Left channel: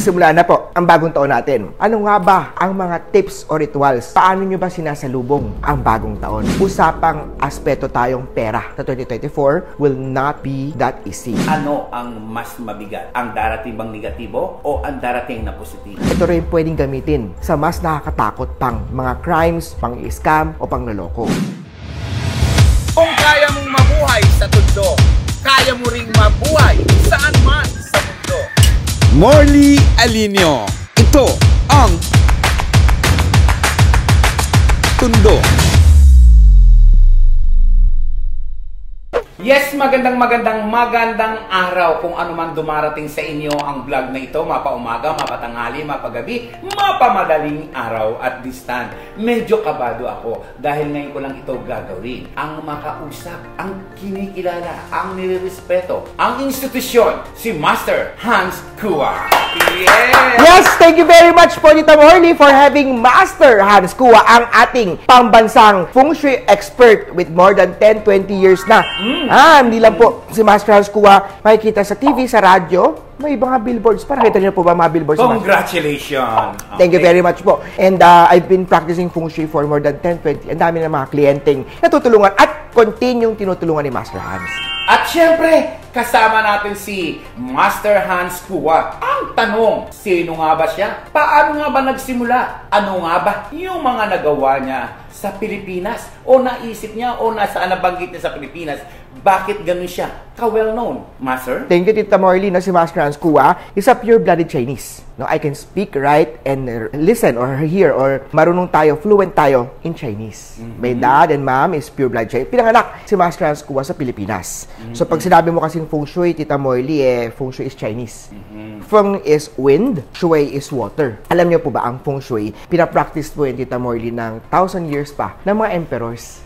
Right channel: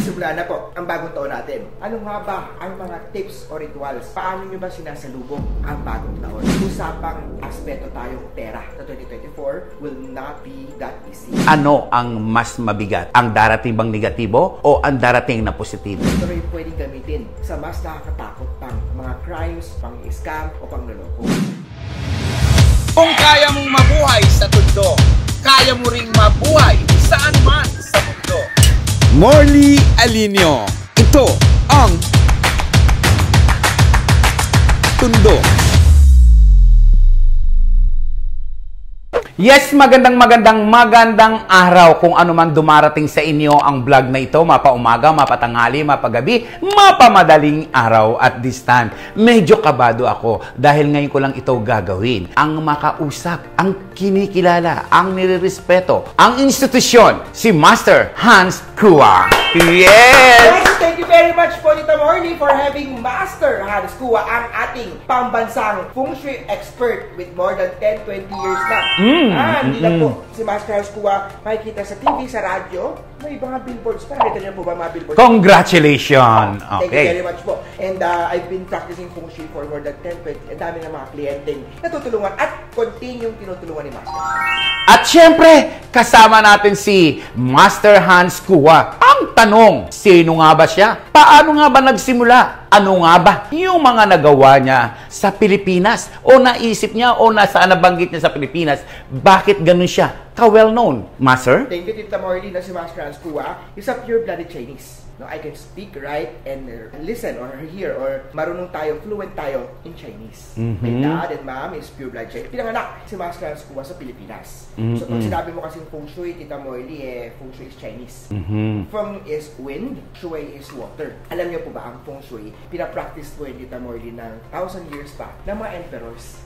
Magsisimula na po ang bagong taon natin. Ano nga ba ang mga tips o rituals? Paano nyo ba sinasalubong ang bagong taon? Usapang aspeto tayong pera sa 2024 will not be that easy. Ano ang mas mabigat? Ang darating bang negatibo o ang darating na positibo? Ito rin pwedeng gamitin sa mas nakakatakot pang mga crimes, pang-scam o pang-loloko. Kung kaya mong mabuhay sa tundo, kaya mo ring mabuhay saan man sa mundo. Morley Alinio. Ito ang Tundo. Yes, magandang araw kung ano man dumarating sa inyo ang vlog na ito, mapaumaga, mapatanghali, mapagabi, mapamadaling araw at this time. Medyo kabado ako dahil ngayon ko lang ito gagawin. Ang makausap, ang kinikilala, ang nirirespeto, ang institusyon, si Master Hans Kua. Yes, thank you very much po Tita Morley for having Master Hans Kua, ang ating pambansang feng shui expert with more than 10-20 years na. Hindi lang po si Master Hans Kua makikita sa TV, sa radyo, may mga billboards. Parang kita niyo po ba mga billboards? Congratulations! Okay. Thank you very much po. And I've been practicing feng shui for more than 10-20. Ang dami ng mga kliyenteng natutulungan at continue tinutulungan ni Master Hans. At syempre, kasama natin si Master Hans Kua. Ang tanong, sino nga ba siya? Paano nga ba nagsimula? Ano nga ba yung mga nagawa niya sa Pilipinas? O naisip niya o nasaan nabanggit niya sa Pilipinas? Bakit ganun siya ka-well-known, Master? Thank you, Tita Morley, na si Master Hans Kua is a pure-blooded Chinese. No, I can speak, write, and listen or hear or marunong tayo, fluent tayo in Chinese. My dad and mom is pure-blood Chinese. Pinanganak si Master Hans Kua sa Pilipinas. So pag sinabi mo kasing feng shui, Tita Morley, feng shui is Chinese. Feng is wind, shui is water. Alam niyo po ba ang feng shui, pinapractice po yung Tita Morley ng 1,000 years pa ng mga emperors.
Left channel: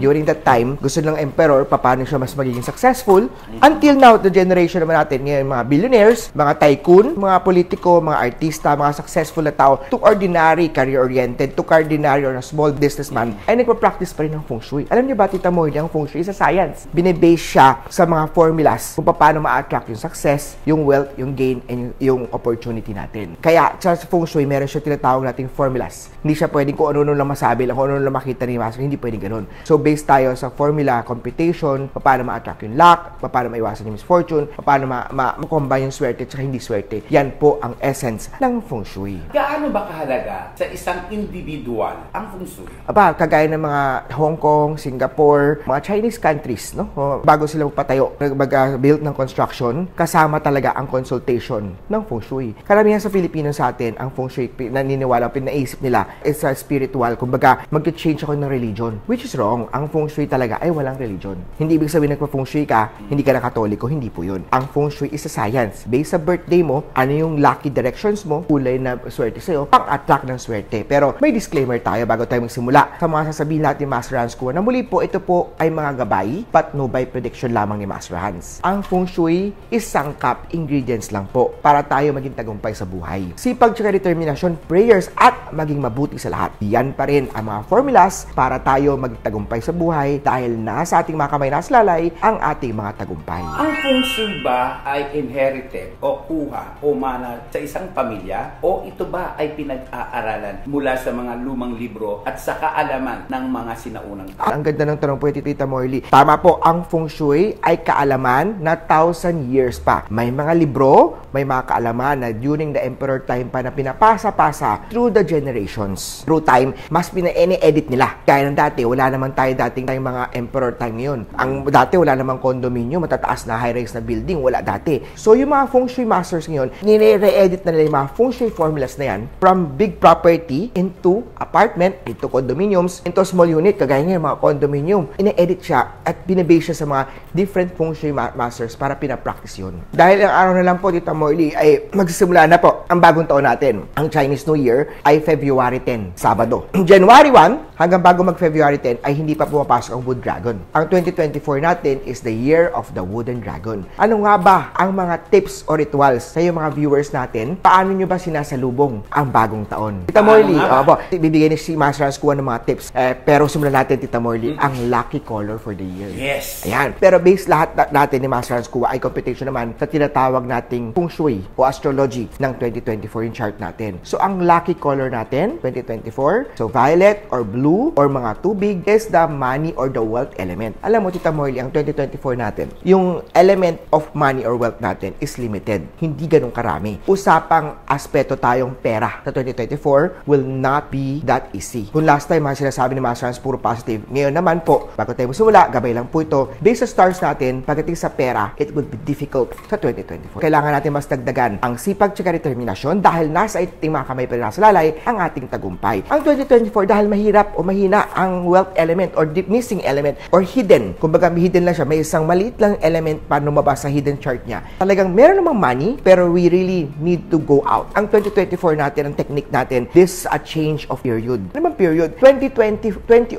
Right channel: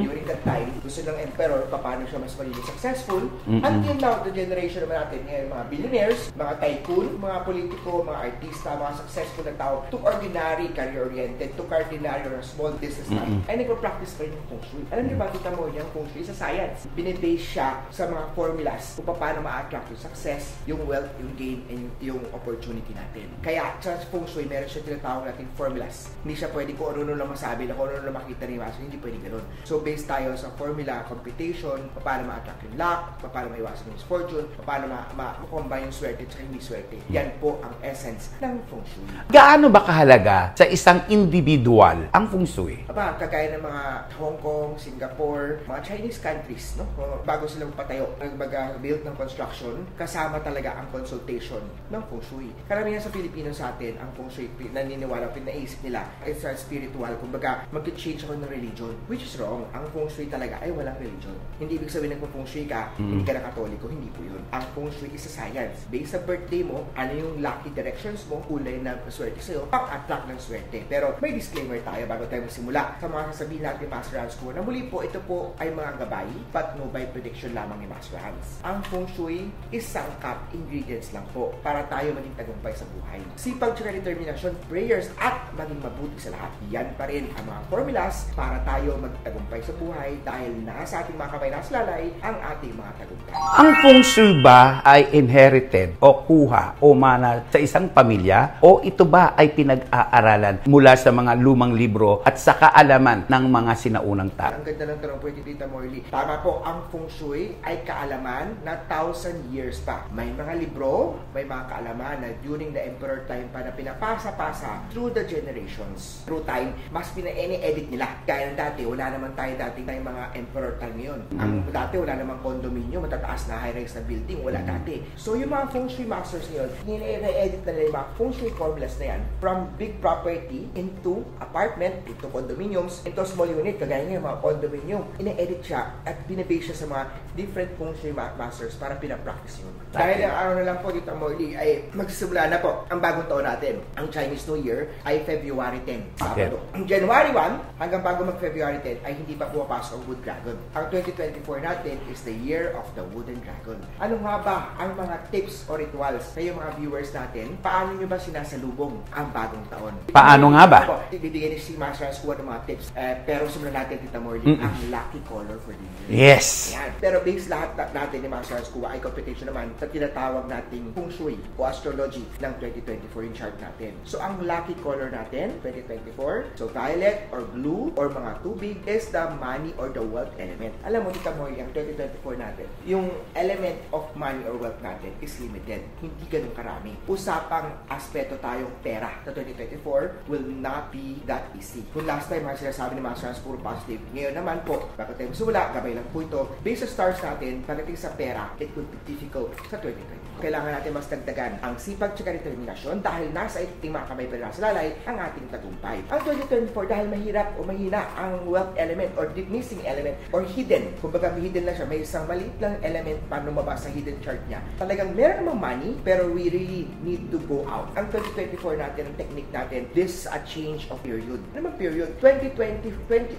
During that time, gusto ng emperor, paano siya mas magiging successful. Until now, the generation naman natin, ngayon, mga billionaires, mga tycoon, mga politiko, mga artista, mga successful na tao, to ordinary, career-oriented, to ordinary or a small businessman, ay nagpa-practice pa rin ng feng shui. Alam niyo ba, Tita Morley, ang feng shui is a science. Binibase siya sa mga formulas kung paano ma-attract yung success, yung wealth, yung gain, and yung opportunity natin. Kaya, sa feng shui, meron siya tinatawag nating formulas. Hindi siya pwedeng kung ano lang masabi lang, kung ano lang makita ni Master, hindi pwedeng ganun. So, based tayo sa formula, computation, paano ma-attract yung luck, paano maiwasan yung misfortune, paano ma-combine yung swerte at hindi swerte. Yan po ang essence ng feng shui. Gaano ba kahalaga sa isang individual ang feng shui? Kagaya ng mga Hong Kong, Singapore, mga Chinese countries, no? Bago sila magpatayo, mag-build ng construction, kasama talaga ang consultation ng feng shui. Karamihan sa Pilipino sa atin, ang feng shui, naniniwala, pinaisip nila, is spiritual. Kumbaga, mag-change ako ng religion. Which is wrong. Ang feng shui talaga ay walang religion. Hindi ibig sabihin nagpa-feng shui ka, hindi ka na Katoliko, hindi po yun. Ang feng shui is a science. Based sa birthday mo, ano yung lucky directions mo, kulay na swerte sa'yo, pang-attract ng swerte. Pero may disclaimer tayo bago tayo magsimula. Sa mga sasabihin natin, Master Hans Kua, na muli po, ito po ay mga gabay, but no by prediction lamang ni Master Hans. Ang feng shui is sangkap ingredients lang po para tayo maging tagumpay sa buhay. Sipag tsaka determinasyon, prayers, at maging mabuti sa lahat. Yan pa rin ang mga formulas para tayo maging tagumpay sa buhay dahil nasa ating mga kamay, nasa lalay, ang ating mga tagumpay. Ang feng shui ba ay inherited o kuha o mana sa isang pamilya o ito ba ay pinag-aaralan mula sa mga lumang libro at sa kaalaman ng mga sinaunang tao? Ang ganda ng tanong po ito, Tita Morley. Tama po, ang feng shui ay kaalaman na 1,000 years pa. May mga libro, may mga kaalaman na during the emperor time pa na pinapasa-pasa through the generations. Through time, mas pina-edit nila. Kaya ng dati, wala naman tayo dating tayong mga emperor time ngayon. Ang dati, wala namang condominium, matataas na high-rise na building, wala dati. So, yung mga feng shui masters ngayon, nire-edit na nila yung mga feng shui formulas na yan from big property into apartment, into condominiums, into small unit, kagaya ngayon, mga condominium. Ine-edit siya at binibase siya sa mga different feng shui masters para pinapractice yun. Dahil ang araw na lang po, Tita Morley, ay magsisimula na po ang bagong taon natin. Ang Chinese New Year ay February 10, Sabado. January 1, hanggang bago mag-February 10, ay hindi pa pumapasok ang Wood Dragon. Ang 2024 natin is the year of the Wooden Dragon. Ano nga ba ang mga tips o rituals sa iyo mga viewers natin? Paano nyo ba sinasalubong ang bagong taon? Tita Paano Morley, nga ba? Bibigyan ni si Master Hans ng mga tips. Pero simulan natin, Tita Morley, ang lucky color for the year. Yes. Ayan. Pero base lahat natin ni Master Hans ay computation naman sa tinatawag nating feng shui o astrology ng 2024 yung chart natin. So, ang lucky color natin, 2024, so violet or blue or mga tubig is the money or the wealth element. Alam mo, Tita Morley, ang 2024 natin, yung element of money or wealth natin is limited. Hindi ganun karami. Usapang aspeto tayong pera sa 2024 will not be that easy. Kung last time, mga sinasabi ni Master Hans, puro positive. Ngayon naman po, bago tayo magsimula, gabay lang po ito. Based sa stars natin, pagdating sa pera, it would be difficult sa 2024. Kailangan natin mas dagdagan ang sipag at determinasyon dahil nasa ating mga kamay pero nasa lalay ang ating tagumpay. Ang 2024, dahil mahirap o mahina ang wealth element or deep missing element or hidden. Kumbaga, may hidden lang siya. May isang maliit lang element pa lumabas sa hidden chart niya. Talagang meron namang money, pero we really need to go out. Ang 2024 natin, ang technique natin, this is a change of period. Ano bang period? 2004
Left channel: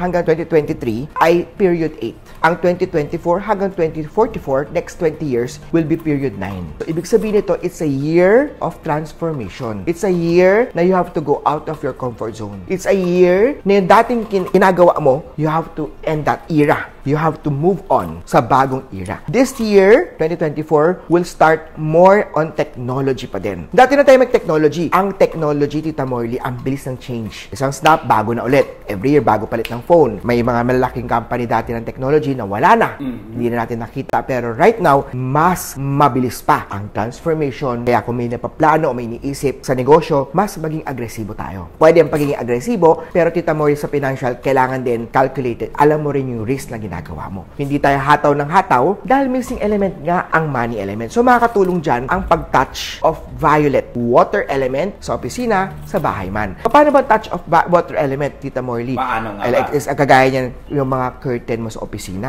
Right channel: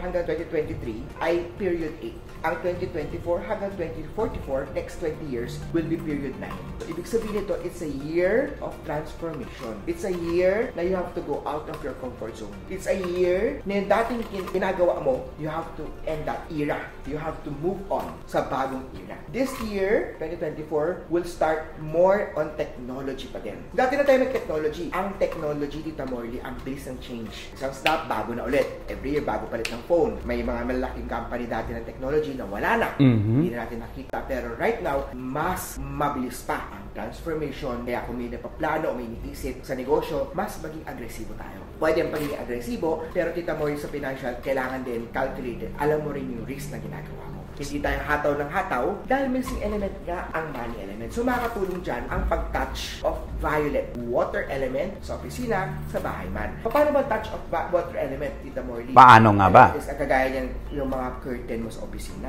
hanggang 2023 ay period 8. Ang 2024 hanggang 2044, next 20 years, will be period 9. So, ibig sabihin nito, it's a year of transformation. It's a year na you have to go out of your comfort zone. It's a year na yung dating ginagawa mo, you have to end that era. You have to move on sa bagong era. This year, 2024, will start more on technology pa din. Dati na tayo mag-technology. Ang technology, Tita Morley, ang bilis ng change. Isang snap, bago na ulit. Every year, bago palit ng phone. May mga malalaking company dati ng technology na wala na. Hindi na natin nakita. Pero right now, mas mabilis pa ang transformation. Kaya kung may napaplano o may iniisip sa negosyo, mas maging agresibo tayo. Pwede ang pagiging agresibo, pero Tita Morley, sa financial, kailangan din calculated. Alam mo rin yung risk na ginagawa mo. Hindi tayo hataw ng hataw dahil missing element nga ang money element. So makakatulong dyan ang pag-touch of violet water element sa opisina, sa bahay man. Paano ba touch of water element, Tita Morley? Paano nga ba? Like, kagaya niyan yung mga curtain mo sa opisina.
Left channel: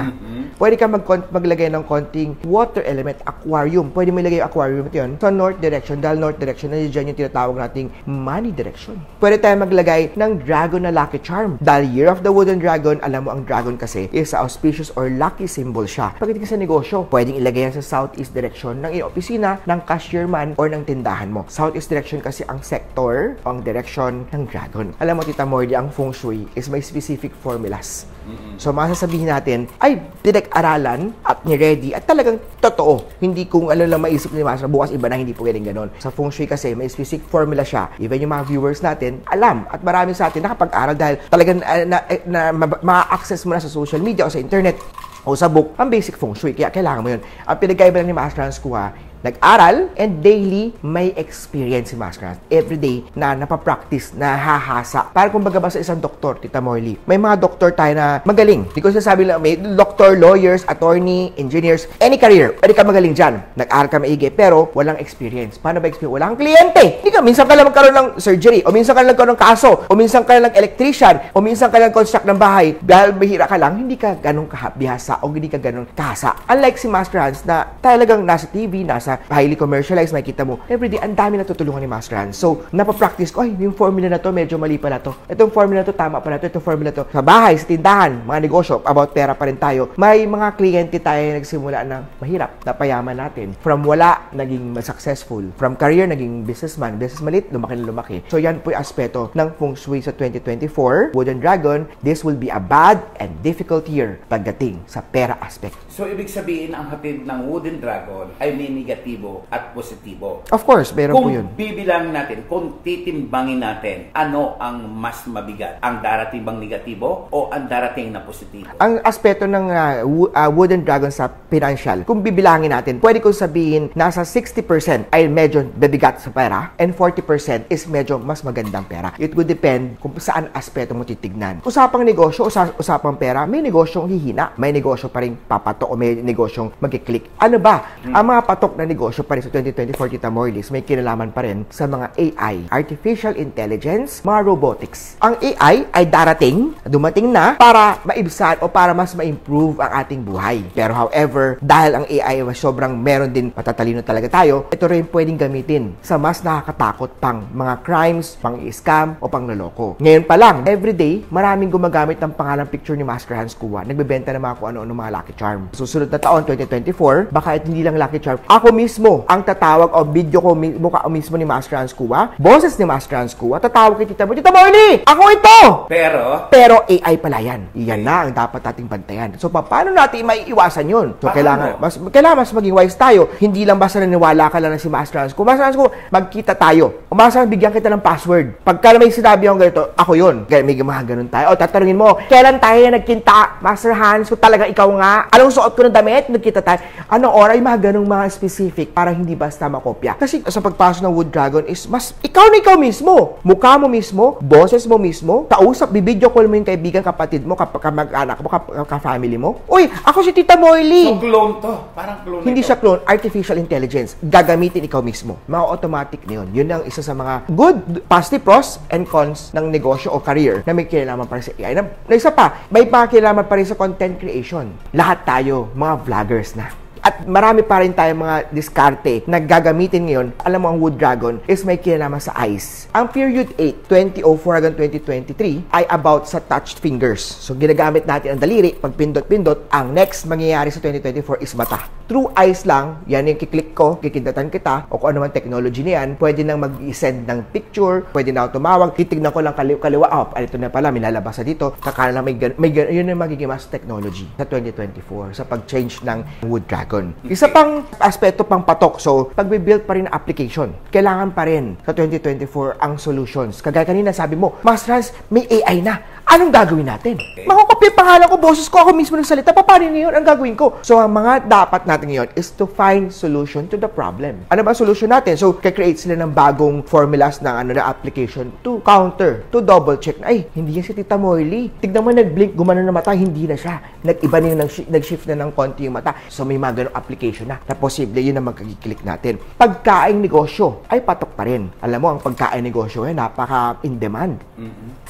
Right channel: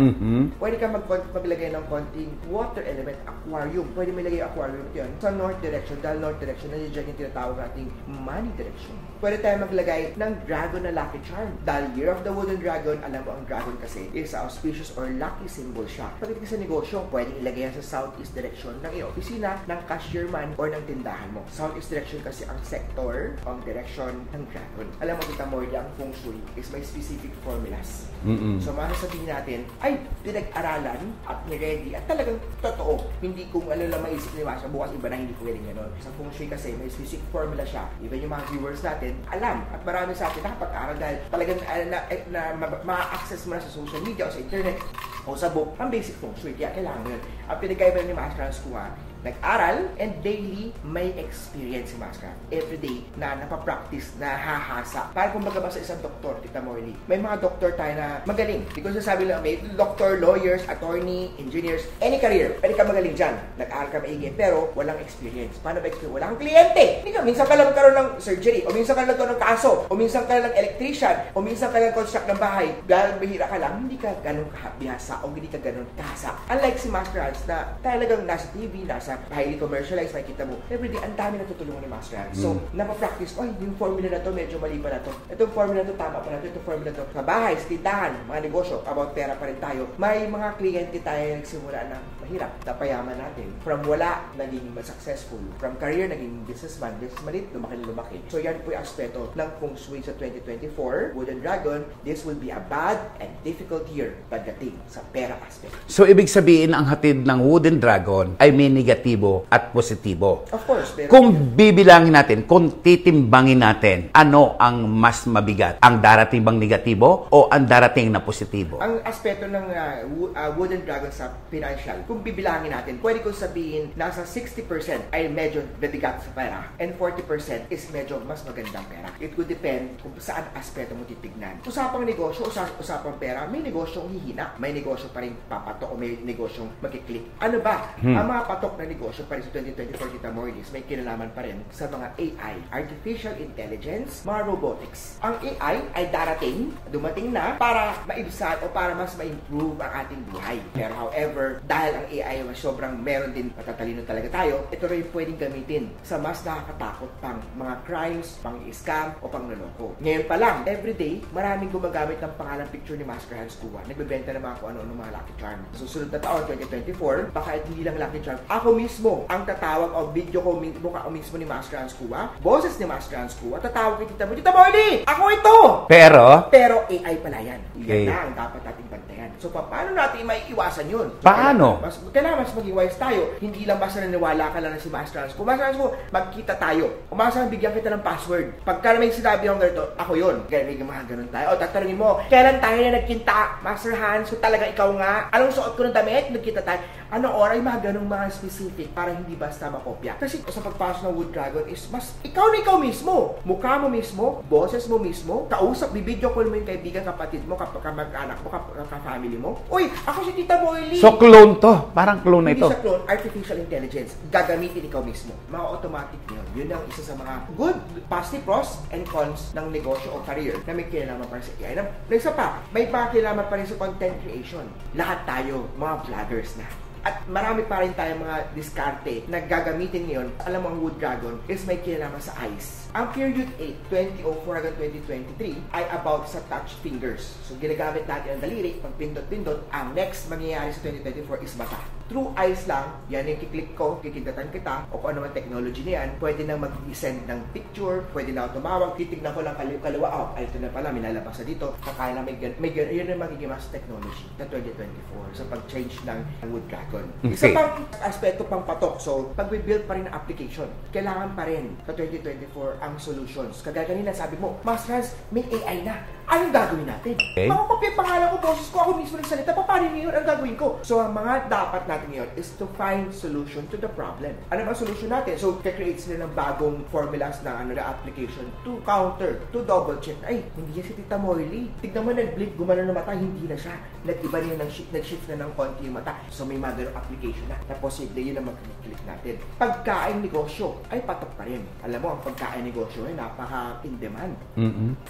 Pwede ka maglagay ng konting water element aquarium. Pwede mo ilagay yung aquarium yun sa north direction. Dahil north direction, nandiyan yung tinatawag nating money direction. Pwede tayo maglagay ng dragon na lucky charm. Dahil year of the wooden dragon, alam mo ang dragon kasi is auspicious or lucky symbol siya. Pagdating sa negosyo, pwedeng ilagay yan sa southeast direction ng iyong opisina, ng cashier man, or ng tindahan mo. Southeast direction kasi ang sector o ang direction ng dragon. Alam mo, Tita Morley, ang feng shui is may specific formulas. So, masasabihin natin, ay, pinag-aralan at ni-ready at talagang totoo. Hindi kung ano lang maisip ni Master, bukas iba na, hindi po ganun ganon. Sa feng shui kasi, may specific formula siya. Even yung mga viewers natin, alam. At marami sa atin nakapag-aral dahil talagang ma-access mo na sa social media o sa internet o sa book, ang basic feng shui. Kaya kailangan mo yun. Ang pinagkaiba lang ni Master Hans nag-aral and daily may experience si Master Hans. Everyday na napapractice, na hahasa. Para kumbaga ba sa isang doktor, Tita Morley, may mga doktor tayo na magaling. Hindi ko sasabi lang, may doctor, lawyers, attorney, engineers, any career. Pwede ka magaling dyan. Nag-aral ka maigi, pero walang experience. Paano ba experience? Wala kang kliyente. Hindi ka, minsan ka lang magkaroon ng surgery, o minsan ka lang magkaroon ng kaso, o minsan ka lang electrician, o minsan ka lang construct ng bahay. Dahil mahira ka lang, hindi ka ganun bihasa o hindi ka ganun kahasa. Unlike si Master Hans na talagang nasa TV, nasa highly commercialized, makikita mo, everyday, ang dami natutulungan ni Master Hans. So, napapractice ko, ay, yung formula na to, medyo mali pala to. Itong formula na to, tama pala to. Itong formula to. Sa bahay, sa tindahan, mga negosyo, about pera pa rin tayo. May mga kliyente tayo na nagsimula na mahirap, napayaman natin. From wala, naging successful. From career, naging businessman. Business malit, lumaki na lumaki. So, yan po yung aspeto ng feng shui sa 2024. Wooden Dragon, this will be a bad and difficult year pagdating sa pera aspect. So, ibig sabihin, ang hatid ng Wooden Dragon ay may negatibo at positibo. Of course, meron Kung po yun. bibilangin natin, kung titimbangin natin, ano ang mas mabigat? Ang darating bang negatibo o ang darating na positibo? Ang aspeto ng Wooden Dragon sa financial, kung bibilangin natin, pwede kong sabihin nasa 60% ay medyo bibigat sa pera and 40% is medyo mas magandang pera. It would depend kung saan aspeto mo titignan. Usapang negosyo, usapang pera, may negosyong hihina, may negosyo pa rin papatok o may negosyong magkiklik. Ano ba? Ang mga patok na negosyo pa rin sa 2024, Tita Morlis, may kinalaman pa rin sa mga AI, Artificial Intelligence, mga robotics. Ang AI ay dumating na para maibsan o para mas ma-improve ang ating buhay. Pero however, dahil ang AI ay sobrang meron din matatalino talaga tayo, ito rin pwedeng gamitin sa mas nakakatakot pang mga crimes, pang-scam o pang-loloko. Ngayon pa lang, everyday, maraming gumagamit ng pangalang picture ni Master Hans Kua. Nagbebenta na mga kung ano-ano mga Lucky Charm. Susunod na taon, 2024, baka hindi lang Lucky Charm. Ako mismo ang tatawag o video ko mukha mismo ni Master Hans Kua, boses ni Master Hans Kua, tatawag kay Tita Morly, ako ito! Pero AI pala yan. Yan na ang dapat nating bantayan. So, paano natin maiiwasan yun? So, kailangan mas maging wise tayo. Hindi lang basta naniwala ka lang na si Master Hans Kua. Master Hans Kua, magkita tayo. O basta bigyan kita ng password. Pagka may sinabi akong ganito, ako yun. May mga ganun tayo. O, tatanungin mo, kailan tayo na nagkinta, Master Hans? So, talaga ikaw nga. Anong suot ko ng damit? Nagkita tayo. Anong oras? Mga ganung mga specific para hindi basta makopya. Kasi sa pagpasok ng Wood Dragon is mas ikaw na ikaw mismo. Mukha mo mismo, boses mo mismo, kausap, bibidyo call mo yung kaibigan, kapatid mo, kamag-anak mo, ka-family mo. Uy, ako si Tita Morly. So, clone to. Parang clone na ito. Hindi siya clone. Artificial intelligence. Gagamitin ikaw mismo. Mga automatic na yun. Yun ang isa sa mga good, positive pros and cons ng negosyo o career na may kinalaman pa rin sa AI. Na isa pa, may kinalaman pa rin sa content creation. Lahat tayo, mga vloggers na. At marami pa rin tayong mga diskarte na gagamitin ngayon. Alam mo, ang Wood Dragon is may kinalaman sa eyes. Ang period 8, 2004 hanggang 2023 ay about sa touched fingers. So, ginagamit natin ang daliri, pag pindot-pindot. Ang next mangyayari sa 2024 is mata. Through eyes lang, yan yung kiklik ko, kikindatan kita, o kung ano man technology niyan, pwede nang mag-send ng picture, pwede na ako tumawag, titignan ko lang kaliwa, ito na pala, minalabas na dito, kakala lang yun yung magiging mas technology sa 2024 sa pag-change ng Wood Dragon. Okay. Isa pang aspeto pang patok. So, pag-build pa rin ang application, kailangan pa rin sa 2024 ang solutions. Kagaya kanina sabi mo, Master Hans, may AI na. Anong gagawin natin? Okay. Makakopya yung pangalan ko, boses ko, ako mismo nagsalita. Paano ngayon ang gagawin ko? So, ang mga dapat natin ngayon is to find solution to the problem. Ano ba solution natin? So, kaya-create sila ng bagong formulas ng na application to counter, to double check na, ay, hindi yan si Tita Morly. Tignan mo, nag-blink, gumano na mata, hindi na siya. Nag-iba na, nag-shift na ng konti yung mata. So, may mga ganong application na posible yun ang magkiklik natin. Pagkain negosyo ay patok pa rin. Alam mo, ang pagkain negosyo ay napaka-in-demand.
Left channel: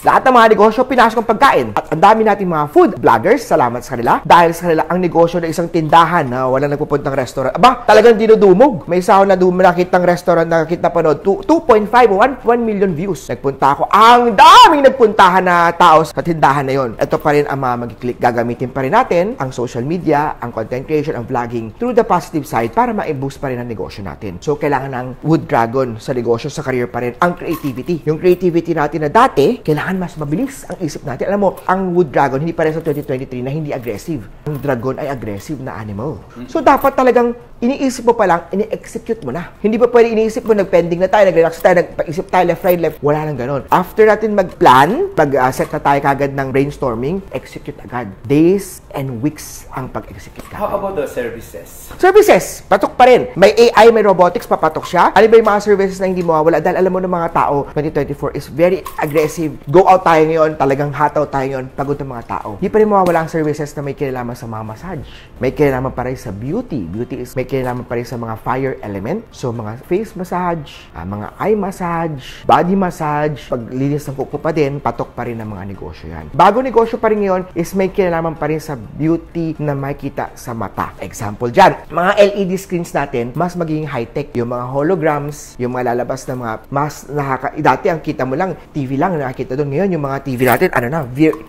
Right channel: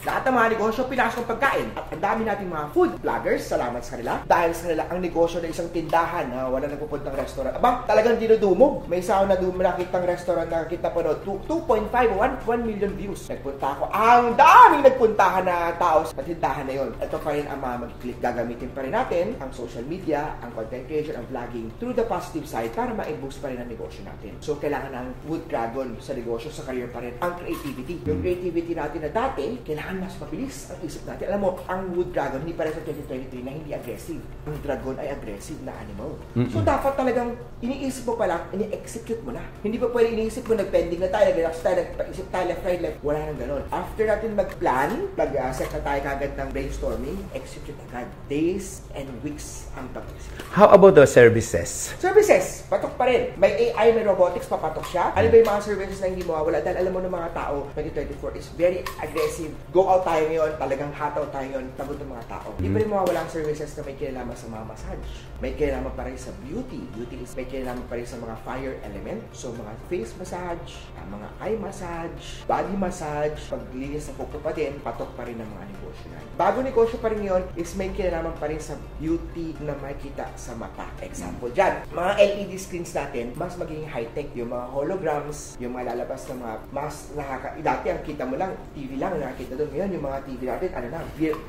Lahat ng mga negosyo, pinasok ang pagkain. At ang dami nating mga food vloggers, salamat sa kanila. Dahil sa kanila, ang negosyo ng isang tindahan na walang nagpupuntang restaurant. Aba, talagang dinudumog. May isa ako na nakitang restaurant na panood, 2.5 o 1 million views. Nagpunta ako. Ang daming nagpuntahan na tao sa tindahan na yon. Ito pa rin ang mga mag-click. Gagamitin pa rin natin ang social media, ang content creation, ang vlogging through the positive side para ma-boost pa rin ang negosyo natin. So, kailangan ng Wood Dragon sa negosyo, sa career pa rin ang creativity. Yung creativity natin na dati, kailangan mas mabilis ang isip natin. Alam mo, ang Wood Dragon, hindi pa rin sa 2023 na hindi aggressive. Ang dragon ay aggressive na animal. So, dapat talagang iniisip mo pa lang, ini-execute mo na. Hindi pa pwede iniisip mo, nag-pending na tayo, nag-relax tayo, nag-paisip tayo, left, right, left. Wala nang ganon. After natin mag-plan, mag-set na tayo kagad ng brainstorming, execute agad. Days and weeks ang pag-execute. How about the services? Services, patok pa rin. May AI, may robotics, papatok siya. Ano ba yung mga services na hindi mawawala? Dahil alam mo ng mga tao, 2024 is very aggressive. Go out tayo ngayon, talagang hataw tayo ngayon, pagod ng mga tao. Hindi pa rin mawawala ang services na may kinalaman sa mga massage. May kinalaman pa rin sa beauty. Beauty is may kinalaman pa rin sa mga fire element. So, mga face massage, mga eye massage, body massage, paglinis ng kuko pa din, patok pa rin ng mga negosyo yan. Bago negosyo pa rin ngayon is may kinalaman pa rin sa beauty na makita sa mata. Example dyan, mga LED screens natin, mas magiging high-tech. Yung mga holograms, yung mga lalabas na mga mas dati ang kita mo lang, TV lang nakakita doon. Ngayon, yung mga TV natin,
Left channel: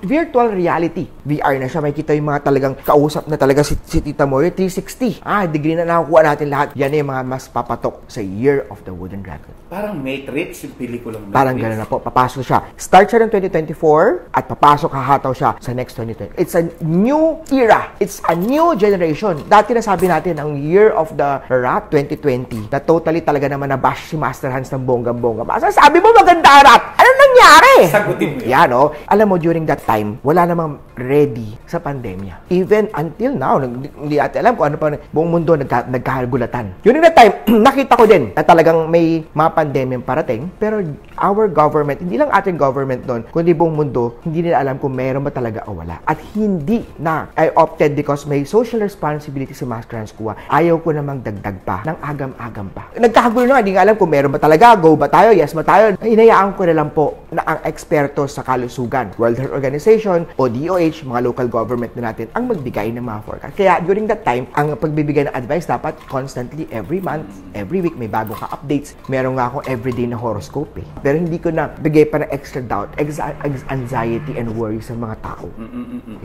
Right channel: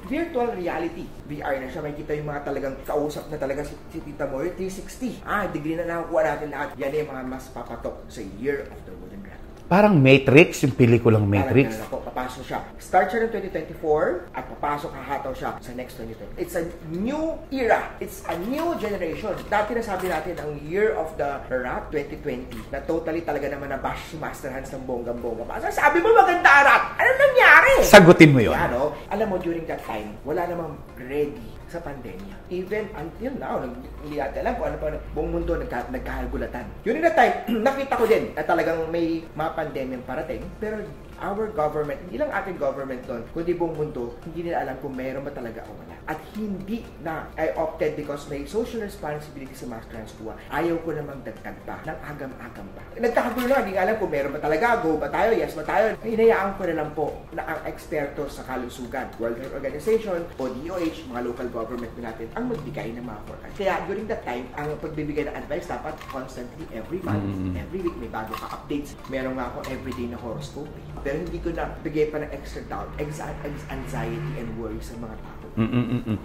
virtual reality. VR na siya. May kita yung mga talagang kausap na talaga si Tita Morly, 360. Degree na nakukuha natin lahat. Yan yung mga mas papatok sa Year of the Wooden Dragon. Parang Matrix, yung pelikulang Matrix. Parang gano'n na po. Papasok siya. Start siya ng 2024 at papasok, hahataw siya sa next 2020. It's a new era. It's a new generation. Dati na sabi natin, ang Year of the Rat 2020, na totally talaga naman nabash si Master Hans ng bongga-bongga. Sabi mo maganda rat. Ano nangyari? Sagutin mo yun. Yan, no? alam mo, during that time, wala namang ready sa pandemya. Even until now, hindi natin alam kung ano pa, buong mundo nagkagulatan. During that time, nakita ko din na talagang may mga pandemya parating, pero our government, hindi lang ating government doon, kundi buong mundo, hindi nila alam kung meron ba talaga o wala. At hindi na, I opted because may social responsibility si Master Hans Kua. Ayaw ko namang dagdag pa, ng agam-agam pa. Nagkakagulo na, hindi nga alam kung meron ba talaga, go ba tayo, yes ba tayo. Hinayaan ko na lang po na ang eksperto sa kalusugan, World Health Organization o DOH, mga local government na natin, ang magbigay ng mga forecast. Kaya during that time, ang pagbibigay ng advice dapat constantly, every month, every week, may bago ka updates. Meron nga akong everyday na horoscope eh. Pero hindi ko na bigay pa ng extra doubt, anxiety and worry sa mga tao.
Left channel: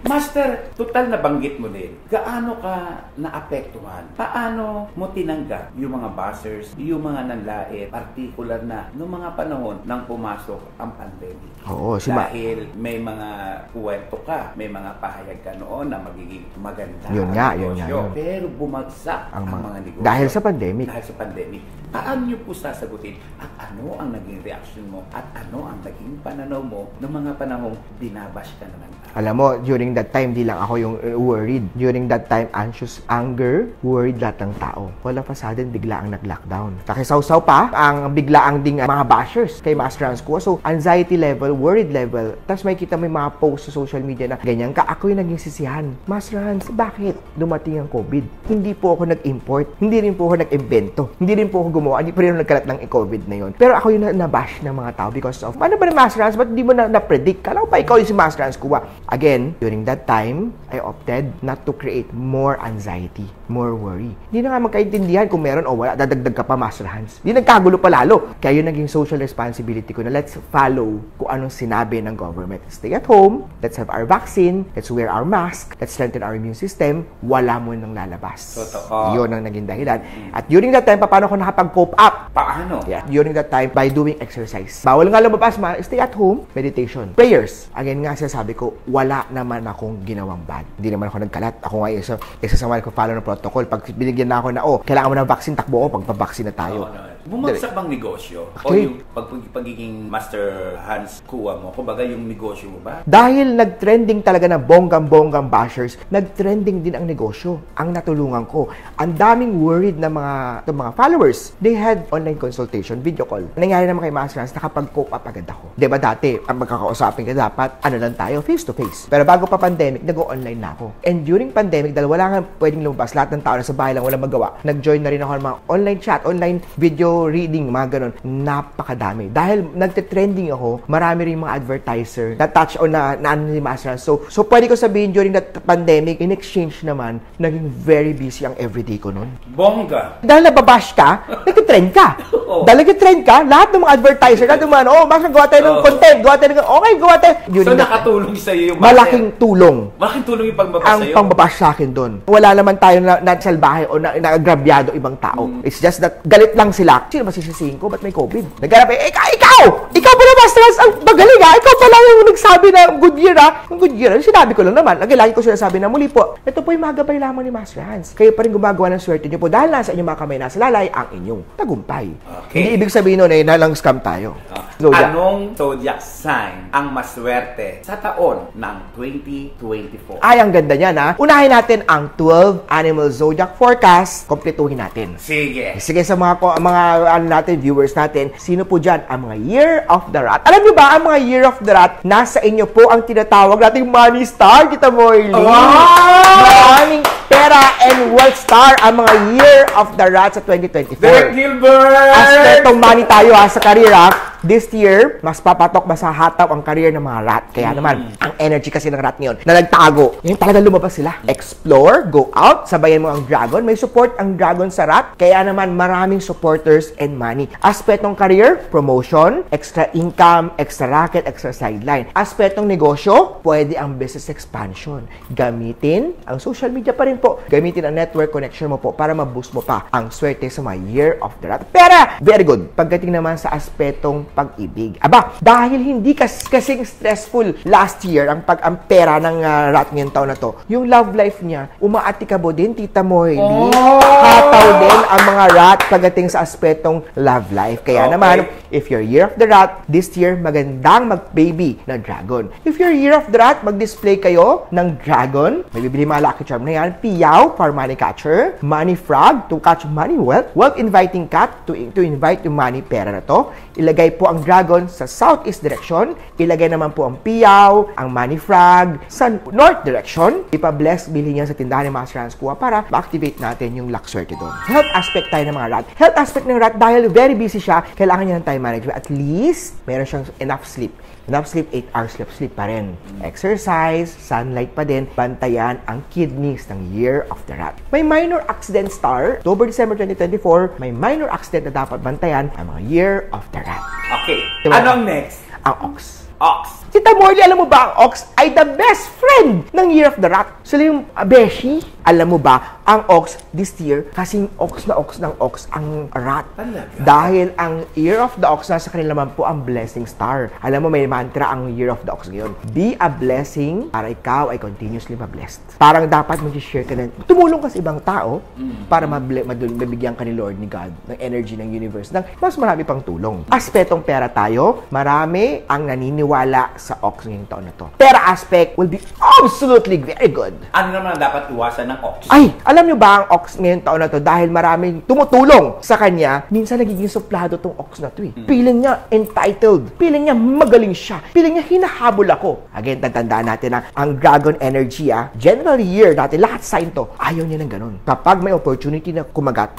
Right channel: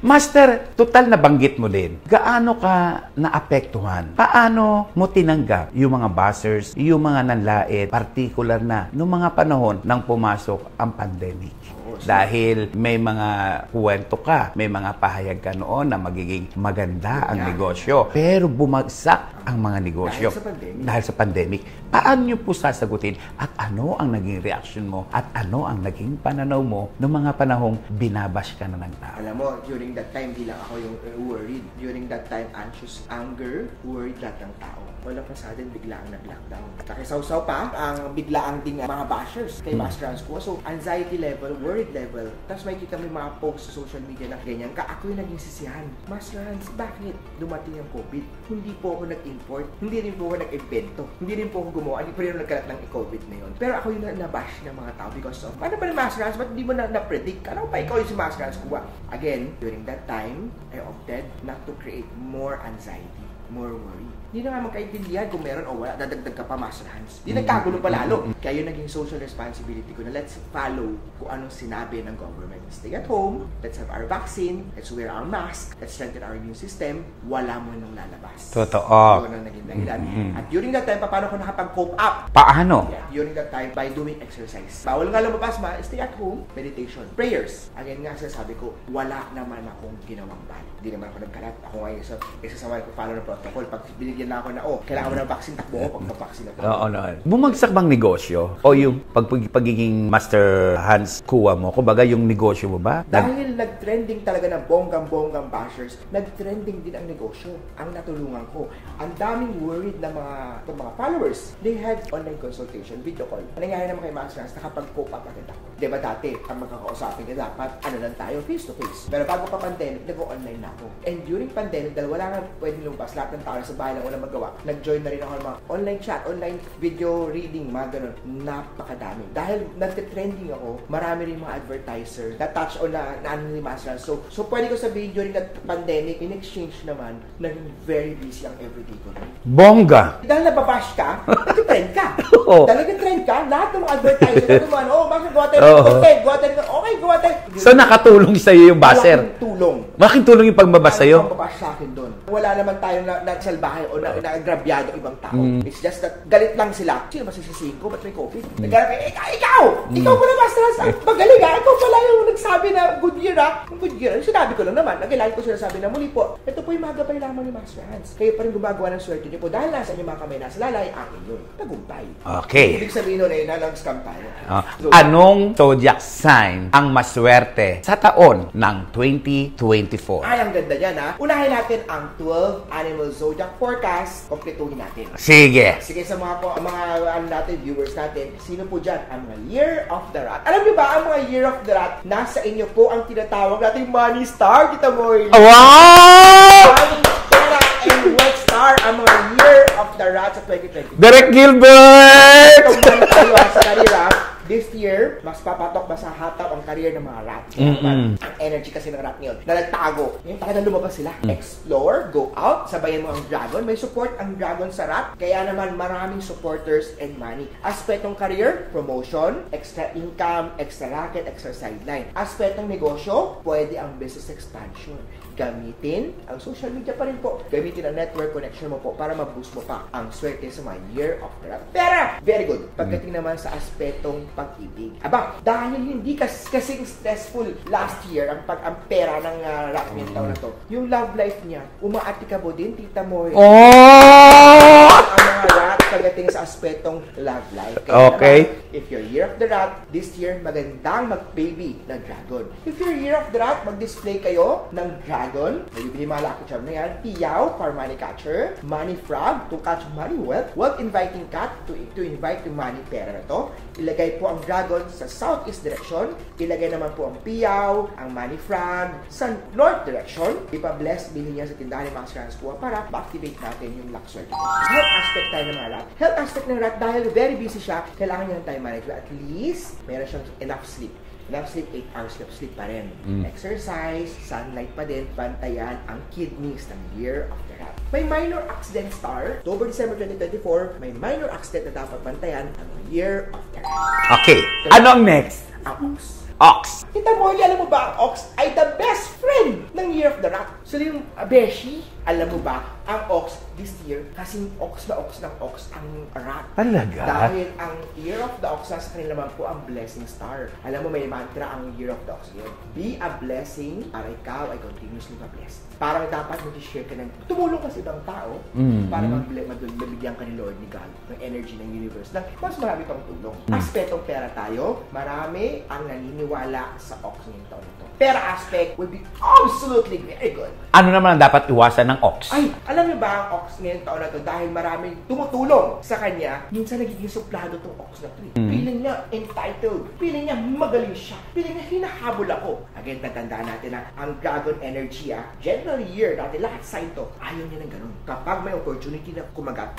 Master, total na banggit mo din. Gaano ka naapektuhan? Paano mo tinanggap yung mga buzzers, yung mga nanlait, particular na noong mga panahon nang pumasok ang pandemic? Oo, dahil may mga kwento ka, may mga pahayag ka noon na magiging maganda ang negosyo. Pero bumagsak ang mga negosyo. Dahil sa pandemic. Dahil sa pandemic. Paano nyo po sasagutin? At ano ang naging reaction mo? At ano ang naging pananaw mo ng mga panahong binabash ka na nagtao? Alam mo, during that time, di lang ako yung worried. During that time, anxious, anger, worried lahat ng tao. Wala pa sudden, bigla ang nag-lockdown. Kakisawsaw pa, ang bigla ang ding mga bashers kay Master Hans Kua. So, anxiety level, worried level. Tapos may kita may mga post sa social media na ganyan ka, ako yung naging sisihan. Master Hans, bakit dumating ang COVID? Hindi po ako nag-import. Hindi rin po ako nag-invento. Hindi rin po ako gumawa. Hindi pa rin ako nagkalat ng COVID na yun. Pero ako yung nabash ng mga tao because of, ano ba na Master Hans? Ba't di mo na-predict? Kala ko pa ikaw yung si Master Hans Kua. Again, during that time, I opted not to create more anxiety, more worry. Hindi na nga magkaintindihan kung meron o wala. Dadagdag ka pa, Master Hans. Hindi nagkagulo pa lalo. Kaya yun naging social responsibility ko na let's follow kung anong sinabi ng government. Stay at home, let's have our vaccine, let's wear our mask, let's strengthen our immune system, wala mo nang lalabas. Totoo. Yun ang naging dahilan. At during that time, paano ko nakapag-cope up? Paano? Yeah. During that time, by doing exercise. Bawal nga lumabas, stay at home, meditation, prayers. Again nga, sabi ko, wala naman akong ginawang bad. Hindi naman ako nagkalat. Ako nga, isa sa mga ko follow ng protocol. Pag binigyan na ako na, kailangan mo ng vaccine, takbo ko, pagpabaksin na tayo. Bumagsak bang negosyo? O yung pagiging Master Hans Kua mo? Kumbaga, yung negosyo mo ba? Dahil nag-trending talaga na bonggang-bonggang bashers, nag-trending din ang negosyo. Ang natulungan ko. Ang daming worried na mga followers. They had online consultation, video call. Nangyari naman kay Master Hans, nakapag-cope up agad ako. Diba dati, ang magkakausapin ka dapat, lang tayo, face-to-face. Pero bago pa pandemic, nag-online na ako. And during pandemic, dahil wala nga pwedeng lumabas, lahat ng tao na sa bahay lang, walang magawa, nag-join na rin ako ng mga online chat, online video reading, mga ganun. Napakadami. Dahil nagte-trending ako, marami rin mga advertiser na touch on na ni Master Hans. So pwede ko sabihin during that pandemic, in exchange naman, naging very busy ang everyday ko nun. Bongga! Dahil nababash ka, nag-trend ka. Dahil nag-trend ka, lahat ng mga advertiser, lahat ng mga, Master, gawa tayo ng content, gawa tayo ng, okay, gawa tayo. So nakatulong sa'yo yung buzzer? Malaking tulong. Malaking tulong yung pagbabash sa'yo? Ang pagbabash sa akin doon. Wala naman tayo na salbahe o na-agrabyado ibang tao. It's just that galit lang sila. Sino masisisihin ko? Ba't may COVID? Naghanap ikaw! Ikaw pala, Master Hans, ang magaling ha! Ikaw pala yung nagsabi na good year ha! Ang good year, sinabi ko lang naman. Lagi ko sinasabi na muli po, ito po yung mga gabay lamang ni Master Hans. Kayo pa rin gumagawa ng swerte niyo po dahil nasa inyong mga kamay nasa lalay ang inyong tagumpay. Okay. Hindi ibig sabihin nun ay nalang scam tayo. Anong zodiac sign ang maswerte sa taon ng 2024? Ay, ang ganda niyan ha. Unahin natin ang 12 animal zodiac forecast. Kompletuhin natin. Sige. Sige sa mga viewers natin, sino po dyan ang mga Year of the Rat? Alam niyo ba, ang mga Year of the Rat, nasa inyo po ang tinatawag nating Money Star. Kita mo, Wow! Money, pera, and wealth star ang mga Year of the Rat sa 2024. Derek Gilbert! Itong money tayo sa career this year, mas papatok, mas hahataw ang career ng mga rat. Kaya naman, ang energy kasi ng rat ngayon, na nagtago, yung talaga lumabas sila. Explore, go out, sabayan mo ang dragon. May support ang dragon sa rat. Kaya naman, maraming supporters and money. Aspetong career, promotion, extra income, extra racket, extra sideline. Aspetong negosyo, pwede ang business expansion. Gamitin ang social media pa rin po. Gamitin ang network connection mo po para ma-boost mo pa ang swerte sa mga Year of the Rat. Pero, very good. Pagdating naman sa aspetong pag-ibig. Aba, dahil hindi kasing stressful last year ang pera ng rat ngayong taon na to, yung love life niya, umaatikabo din, Tita Moy. Nakakataw din ang mga rat pagdating sa aspetong love life. Kaya naman, if you're year of the rat, this year, magandang mag-baby na dragon. If you're year of the rat, mag-display kayo ng dragon. Magbibili mga lucky charm na yan. Piyaw for money catcher. Money frog to catch money wealth. Wealth inviting cat to invite yung money pera na to. Ilagay po ang dragon sa southeast direction. Ilagay naman po ang piyaw, ang money frog sa north direction. Ipa-bless, bilhin niya sa tindahan ni Master Hans Kua para ma-activate natin yung luck swerte doon. Sa health aspect tayo ng mga rat. Health aspect ng rat, dahil very busy siya, kailangan niya ng time management. At least, meron siyang enough sleep. Enough sleep, 8 hours sleep pa rin. Exercise, sunlight pa din, bantayan ang kidneys ng Year of the Rat. May minor accident star, October, December 2024, may minor accident na dapat bantayan ang mga Year of the Rat. Okay. Diba? Ano ang next? Ang Ox. Ox. Tita Morley, alam mo ba ang Ox ay the best friend ng Year of the Rat? Sila yung Beshi. Alam mo ba, ang Ox this year, kasing Ox ng Ox ang rat. Talaga? Dahil ang Year of the Ox, nasa kanila naman po ang blessing star. Alam mo, may mantra ang Year of the Ox ngayon. Be a blessing para ikaw ay continuously ma-blessed. Parang dapat mag-share ka ng tumulong ka sa ibang tao para mabigyan ka ni Lord, ni God, ng energy ng universe, ng mas marami pang tulong. Aspetong pera tayo, marami ang naniniwala sa Ox ngayong taon na to. Pera aspect will be absolutely very good. Ano naman ang dapat iwasan ng Ox? Ay, alam nyo ba ang Ox ngayong taon na to, dahil maraming tumutulong sa kanya, minsan nagiging suplado tong Ox na to eh. Feeling niya entitled. Feeling niya magaling siya. Feeling niya hinahabol ako. Again, tatandaan natin na ang dragon energy general year natin, lahat sign to, ayaw niya ng ganun. Kapag may opportunity na kumagat,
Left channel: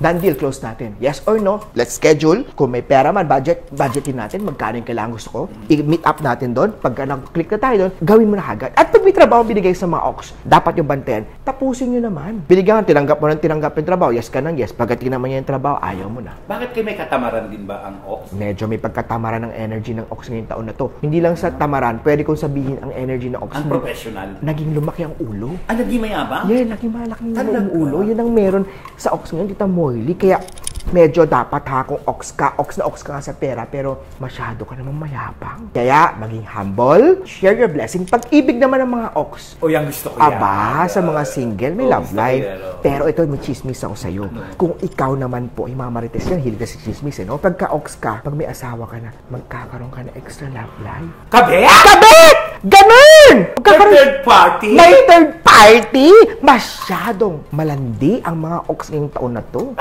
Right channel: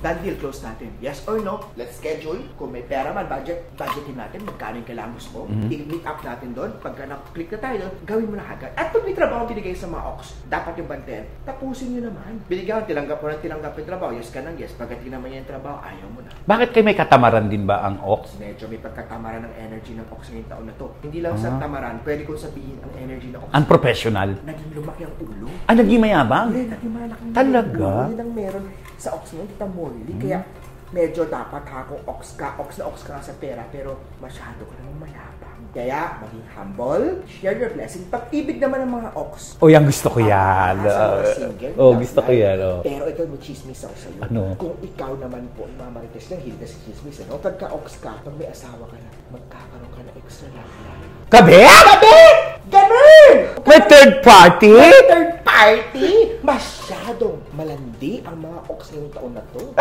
done deal, close natin. Yes or no? Let's schedule. Kung may pera man, budgetin natin. Magkano yung kailangan gusto ko. I-meet up natin doon. Pagka nag-click na tayo doon, gawin mo na agad. At pag may trabaho binigay sa mga Ox, dapat yung bantayan, tapusin nyo naman. Binigyan, tinanggap mo ng tinanggap yung trabaho. Yes ka nang yes. Pagdating naman yung trabaho, ayaw mo na. Bakit kayo may katamaran din ba ang Ox? Medyo may pagkatamaran ng energy ng Ox ngayong taon na to. Hindi lang sa tamaran, pwede kong sabihin ang energy ng Ox. Ang professional? Naging lumaki ang ulo. Naging mayabang? Yeah, naging malaki Talaga? ang ulo. Yun ang meron sa Ox ngayon, Tita Morley. Kaya medyo dapat kung Ox ka nga sa pera, pero masyado ka namang mayabang. Kaya, maging humble, share your blessing. Pag-ibig naman ng mga Ox. O, yan gusto ko yan. Sa mga single, may love gusto ko life. yan, Pero ito, may chismis ako sa'yo. Ano? Kung ikaw naman po, ay mga marites yan, hilig na si chismis, no? Pagka Ox ka, pag may asawa ka na, magkakaroon ka na extra love life. Kabit! Ganun! May third party? May third party? Masyadong malandi ang mga Ox ngayong taon na to.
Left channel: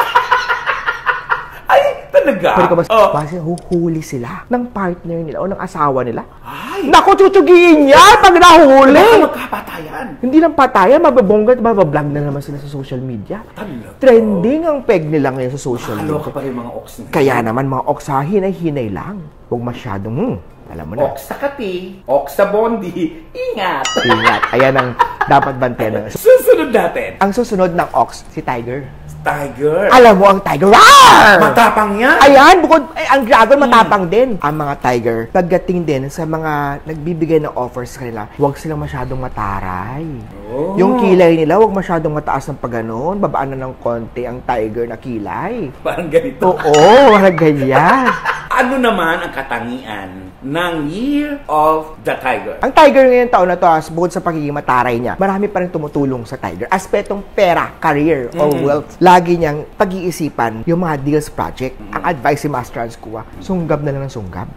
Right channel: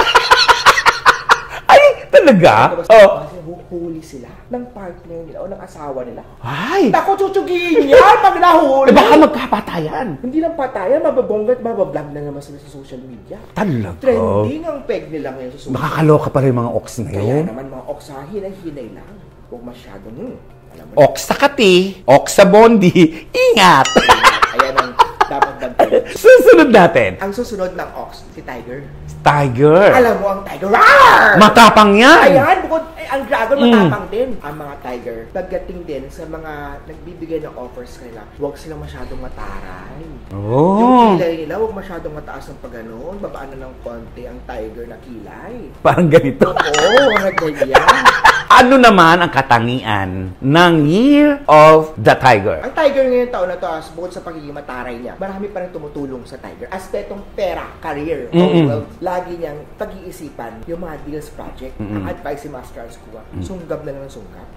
Talaga? Kasi huhuli sila ng partner nila o ng asawa nila. Ay! Naku, chuchugiin yan pag nahuli! Baka magkapatayan. Hindi lang patayan, mababongga at mabablog na naman sila sa social media. Talaga? Trending ang peg nila ngayon sa social media. Makakaloka pa rin mga Ox na yun. Kaya naman mga Ox hinay-hinay lang. Huwag masyadong, alam mo na. Ox sa kati, Ox sa bondi, ingat! Ingat. Ayan ang dapat bantayan. Susunod natin. Ang susunod ng Ox, si Tiger. Tiger. Alam mo ang Tiger. Rawr! Matapang yan. Ayan, bukod, ang dragon matapang din. Ang mga tiger, pagdating din sa mga nagbibigay ng offers sa kanila, huwag silang masyadong mataray. Oh. Yung kilay nila, huwag masyadong mataas ng pagganon. Babaan na ng konti ang tiger na kilay. Parang ganito. Oo, mga ganyan. Ano naman ang katangian ng Year of the Tiger? Ang tiger ngayon taon na to, bukod sa pagiging mataray niya, marami pa rin tumutulong sa tiger. Aspetong pera, career, or wealth. Lagi niyang pag-iisipan yung mga deals project. Ang advice si Master Hans Kua, sunggab na lang ng sunggab.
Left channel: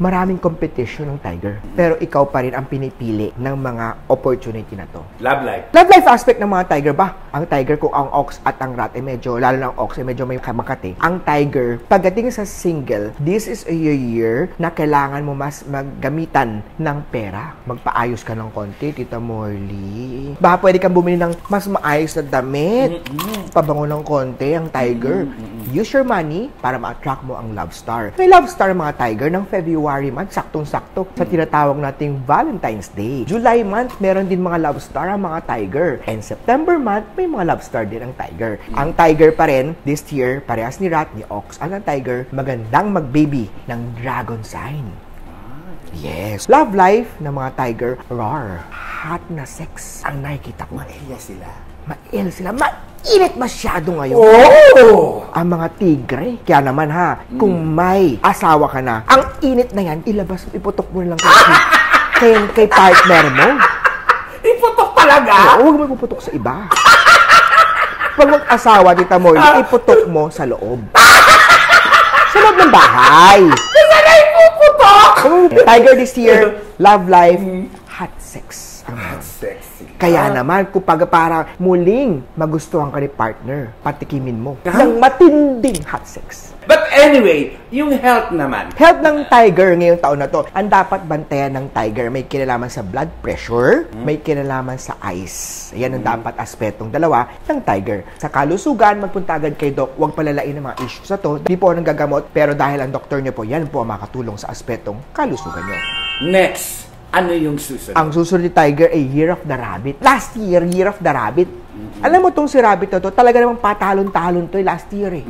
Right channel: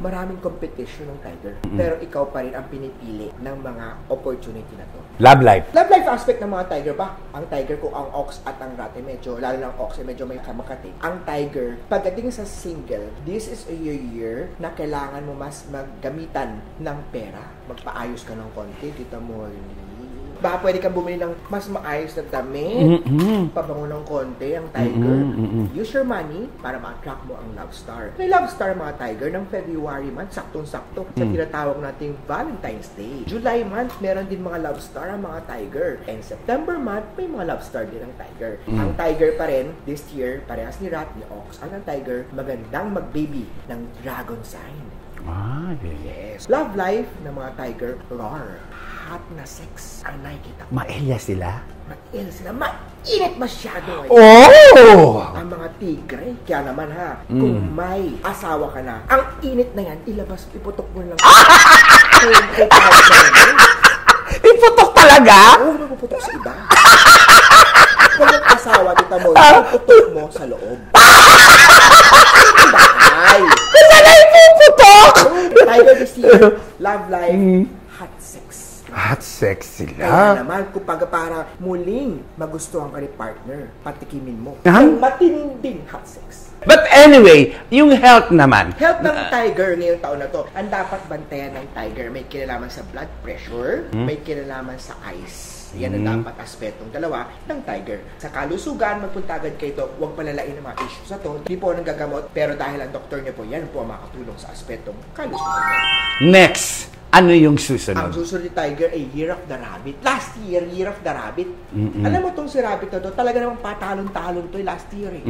Maraming competition ng tiger. Pero ikaw pa rin ang pinipili ng mga opportunity na to. Love life. Love life aspect ng mga tiger ba? Ang tiger, kung ang Ox at ang rat, medyo, lalo na ang Ox, medyo may makati. Ang tiger, pagdating sa single, this is a year na kailangan mo mas maggamitan ng pera. Magpaayos ka ng konti, Tita Morley. Baka pwede kang bumili ng mas maayos na damit. Pabango ng konti ang tiger. Use your money para ma-attract mo ang love star. May love star mga tiger ng February month, saktong-sakto sa tinatawag nating Valentine's Day. July month, meron din mga love star ang mga tiger. And September month, may mga love star din ang tiger. Ang tiger pa rin, this year, parehas ni rat, ni Ox, ang tiger, magandang mag-baby ng dragon sign. Yes. Love life ng mga tiger, rar. Hot na sex ang nakikita ko. Maelya sila. Ma-ill sila. Mainit masyado ngayon. Oh! Ang mga tigre. Kaya naman ha, kung may asawa ka na, ang init na yan, ilabas, iputok mo lang kay partner mo. Iputok talaga? Huwag mo ipuputok sa iba. Pag mag-asawa, kita mo, iputok mo sa loob. Sa loob ng bahay. Saan na ipuputok? Tiger this year, love life, hot sex. Hot sex sila. Kaya naman, kung para muling magustuhan ka ni partner, patikimin mo ng matinding hot sex. But anyway, yung health naman. Health ng tiger ngayong taon na to, ang dapat bantayan ng tiger, may kinalaman sa blood pressure, may kinalaman sa eyes. Yan ang dapat aspetong dalawa ng tiger. Sa kalusugan, magpunta agad kay doc, huwag palalain ang mga issues sa to. Hindi po ang gagamot, pero dahil ang doktor niyo po, yan po ang makatulong sa aspetong kalusugan niyo. Next, ano yung susunod? Ang susunod ni Tiger ay Year of the Rabbit. Last year, Year of the Rabbit. Alam mo tong si Rabbit na to, talaga namang patalon-talon to last year eh.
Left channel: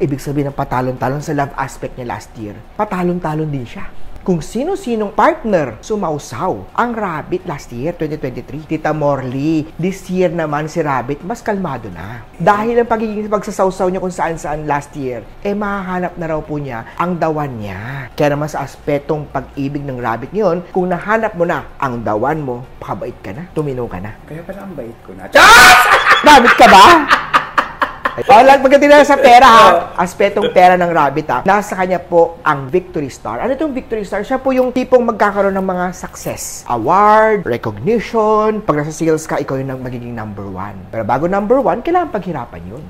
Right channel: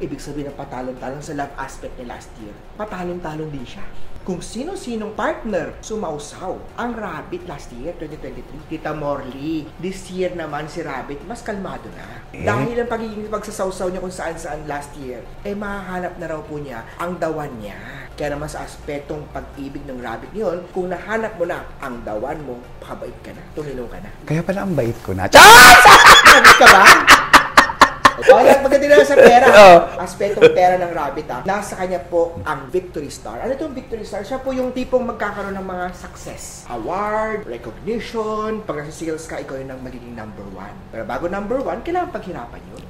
Ibig sabihin ng patalon-talon sa love aspect niya last year, patalon-talon din siya. Kung sino-sinong partner sumausaw ang Rabbit last year, 2023. Tita Morley, this year naman si Rabbit mas kalmado na. Dahil ang pagiging pagsasawsaw niya kung saan-saan last year, mahahanap na raw po niya ang dawan niya. Kaya naman sa aspetong pag-ibig ng Rabbit ngayon, kung nahanap mo na ang dawan mo, pakabait ka na, tuminaw ka na. Kaya pala ang bait ko na. Rabbit ka ba? Pagdating na sa pera, aspetong pera ng Rabbit, nasa kanya po ang Victory Star. Ano itong Victory Star? Siya po yung tipong magkakaroon ng mga success. Award, recognition. Pag nasa sales ka, ikaw yung magiging number 1. Pero bago number 1, kailangan paghirapan yun.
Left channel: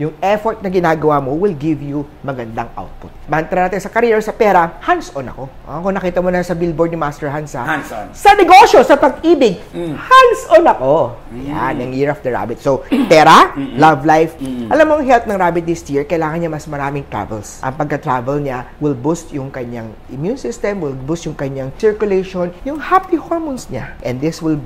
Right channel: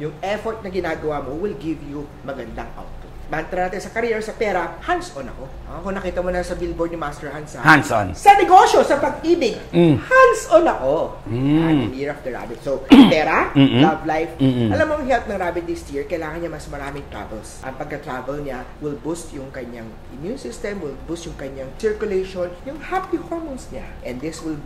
Yung effort na ginagawa mo will give you magandang output. Mantra natin sa career, sa pera, hands-on ako. Kung nakita mo na sa billboard ni Master Hans, hands-on. Sa negosyo, sa pag-ibig, hands-on ako. Yan, ang Year of the Rabbit. So, pera, love life. Alam mo, ang health ng Rabbit this year, kailangan niya mas maraming travels. Ang pagka-travel niya will boost yung kanyang immune system, will boost yung kanyang circulation, yung happy hormones niya. And this will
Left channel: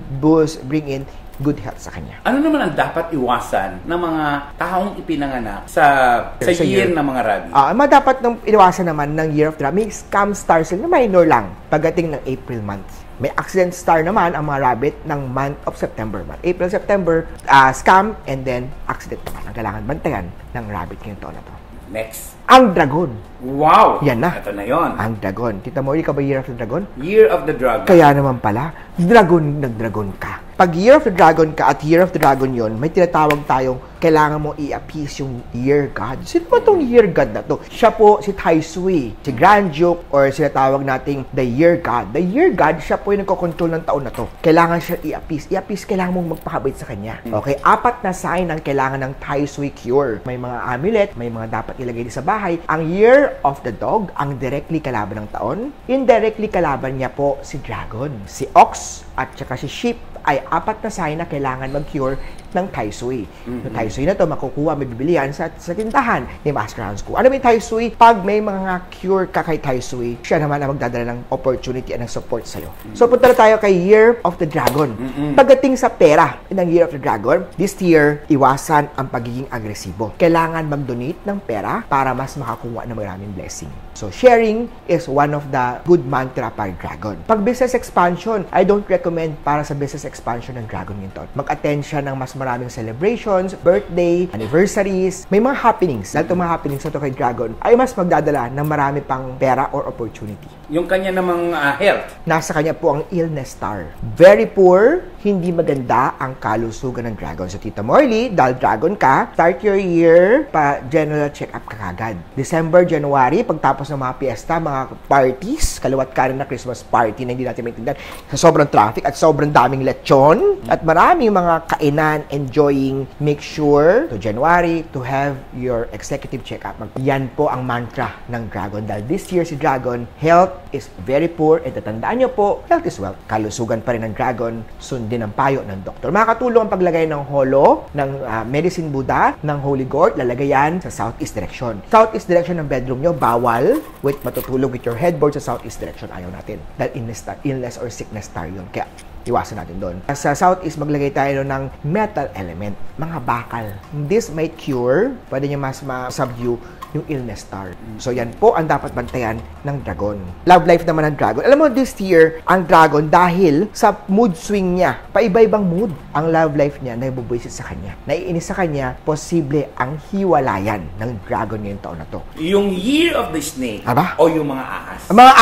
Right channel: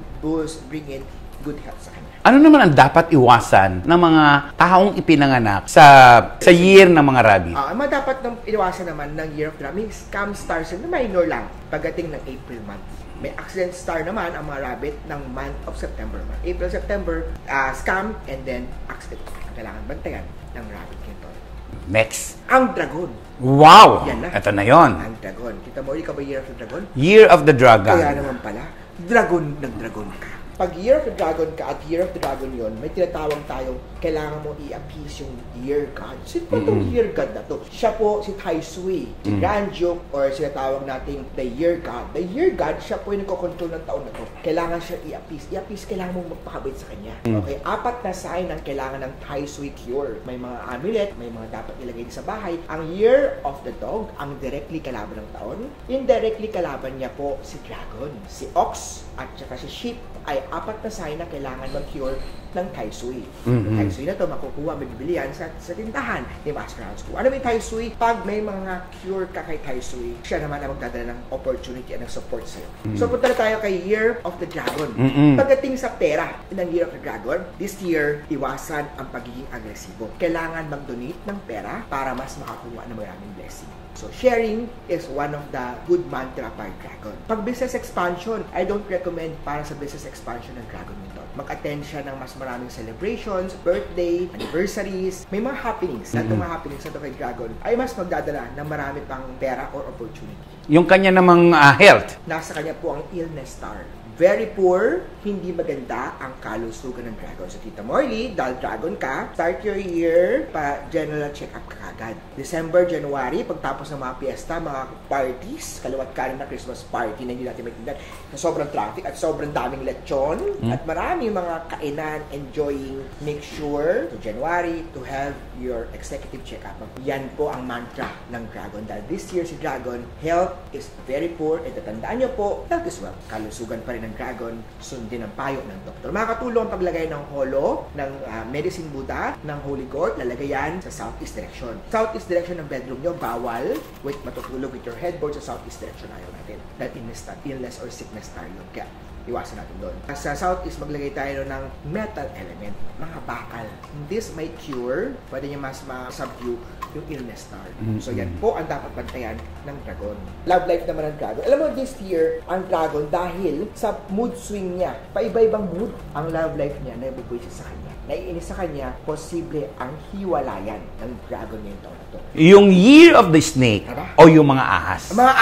bring in good health sa kanya. Ano naman ang dapat iwasan ng mga taong ipinanganak sa year ng mga Rabbit? Dapat nang iwasan naman ng Year of the Rabbit, may scam stars na minor lang pagdating ng April month. May accident star naman ang mga Rabbit ng month of September. April, September, scam, and then accident naman. Ang kailangan bantayan ng Rabbit ngayong taon na to. Next. Ang Dragon. Wow! Yan na. Ito na yon. Ang Dragon. Tita mo, ikaw ba Year of the Dragon? Year of the Dragon. Kaya naman pala, nag-dragon ka. Pag Year of the Dragon ka at Year of the Dragon yon, may tinatawag tayong kailangan mo i-appease yung Year God. Sino ba itong Year God na to? Siya po si Tai Sui, si Grand Duke, or sinatawag nating the Year God. The Year God, siya po yung nagkocontrol ng taon na to. Kailangan siya i-appease. I-appease, kailangan mong magpakabait sa kanya. Okay, 4 na sign ang kailangan ng Tai Sui cure. May mga amulet, may mga dapat ilagay din sa bahay. Ang Year of the Dog, ang directly kalaban ng taon. Indirectly kalaban niya po si Dragon. Si Ox at saka si Sheep ay 4 na sign na kailangan mag-cure ng Tai Sui. Yung Tai Sui na to, makukuha, may bibilihan sa tindahan ni Master Hans Kung. Ano yung Tai Sui? Pag may mga cure ka kay Tai Sui, siya naman ang magdadala ng opportunity at ng support sa'yo. So, punta na tayo kay Year of the Dragon. Pagdating sa pera ng Year of the Dragon, this year, iwasan ang pagiging agresibo. Kailangan mag-donate ng pera para mas makakuha ng maraming blessing. So, sharing is one of the good mantra para Dragon. Pag business expansion, I don't recommend para sa business expansion ng Dragon yun to. Mag-attend siya ng mas maraming celebrations, birthday, anniversaries, may mga happenings. Dahil itong mga happenings na ito kay Dragon ay mas magdadala ng marami pang pera or opportunity. Yung kanya namang health. Nasa kanya po ang illness star. Very poor, hindi maganda ang kalusugan ng Dragon. So, Tita Morley, dahil Dragon ka, start your year pa general check-up ka agad. December, January, pagtapos ng mga piyesta, mga parties, kaliwat kanan na Christmas party na hindi natin maintindihan sa sobrang traffic at sobrang daming lechon at maraming mga kainan, enjoying, make sure to January to have your executive check-up. Yan po ang mantra ng Dragon. Dahil this year si Dragon, health is very poor. At tatandaan nyo po, health is wealth. Kalusugan pa rin ng Dragon, sundin ang payo ng doktor. Makakatulong ang paglagay ng holo, ng medicine Buddha, ng Holy Gourd, lalagay yan sa southeast direction. Southeast direction ng bedroom nyo, bawal with matutulog with your headboard sa southeast direction. Ayaw natin. Dahil illness or sickness tayo yun. Kaya, iwasan natin doon. Sa southeast, maglagay tayo ng metal element, mga bakal. This might cure, pwede nyo mas ma-subdue yung illness star. So yan po ang dapat bantayan ng dragon. Love life naman ng dragon. Alam mo, this year, ang dragon, dahil sa mood swing niya, paiba-ibang mood, ang love life niya na ibubuisit sa kanya. Naiinis sa kanya, posible ang hiwalayan ng dragon ngayong taon na to. Yung Year of the Snake Aba? o yung mga ahas. Ang mga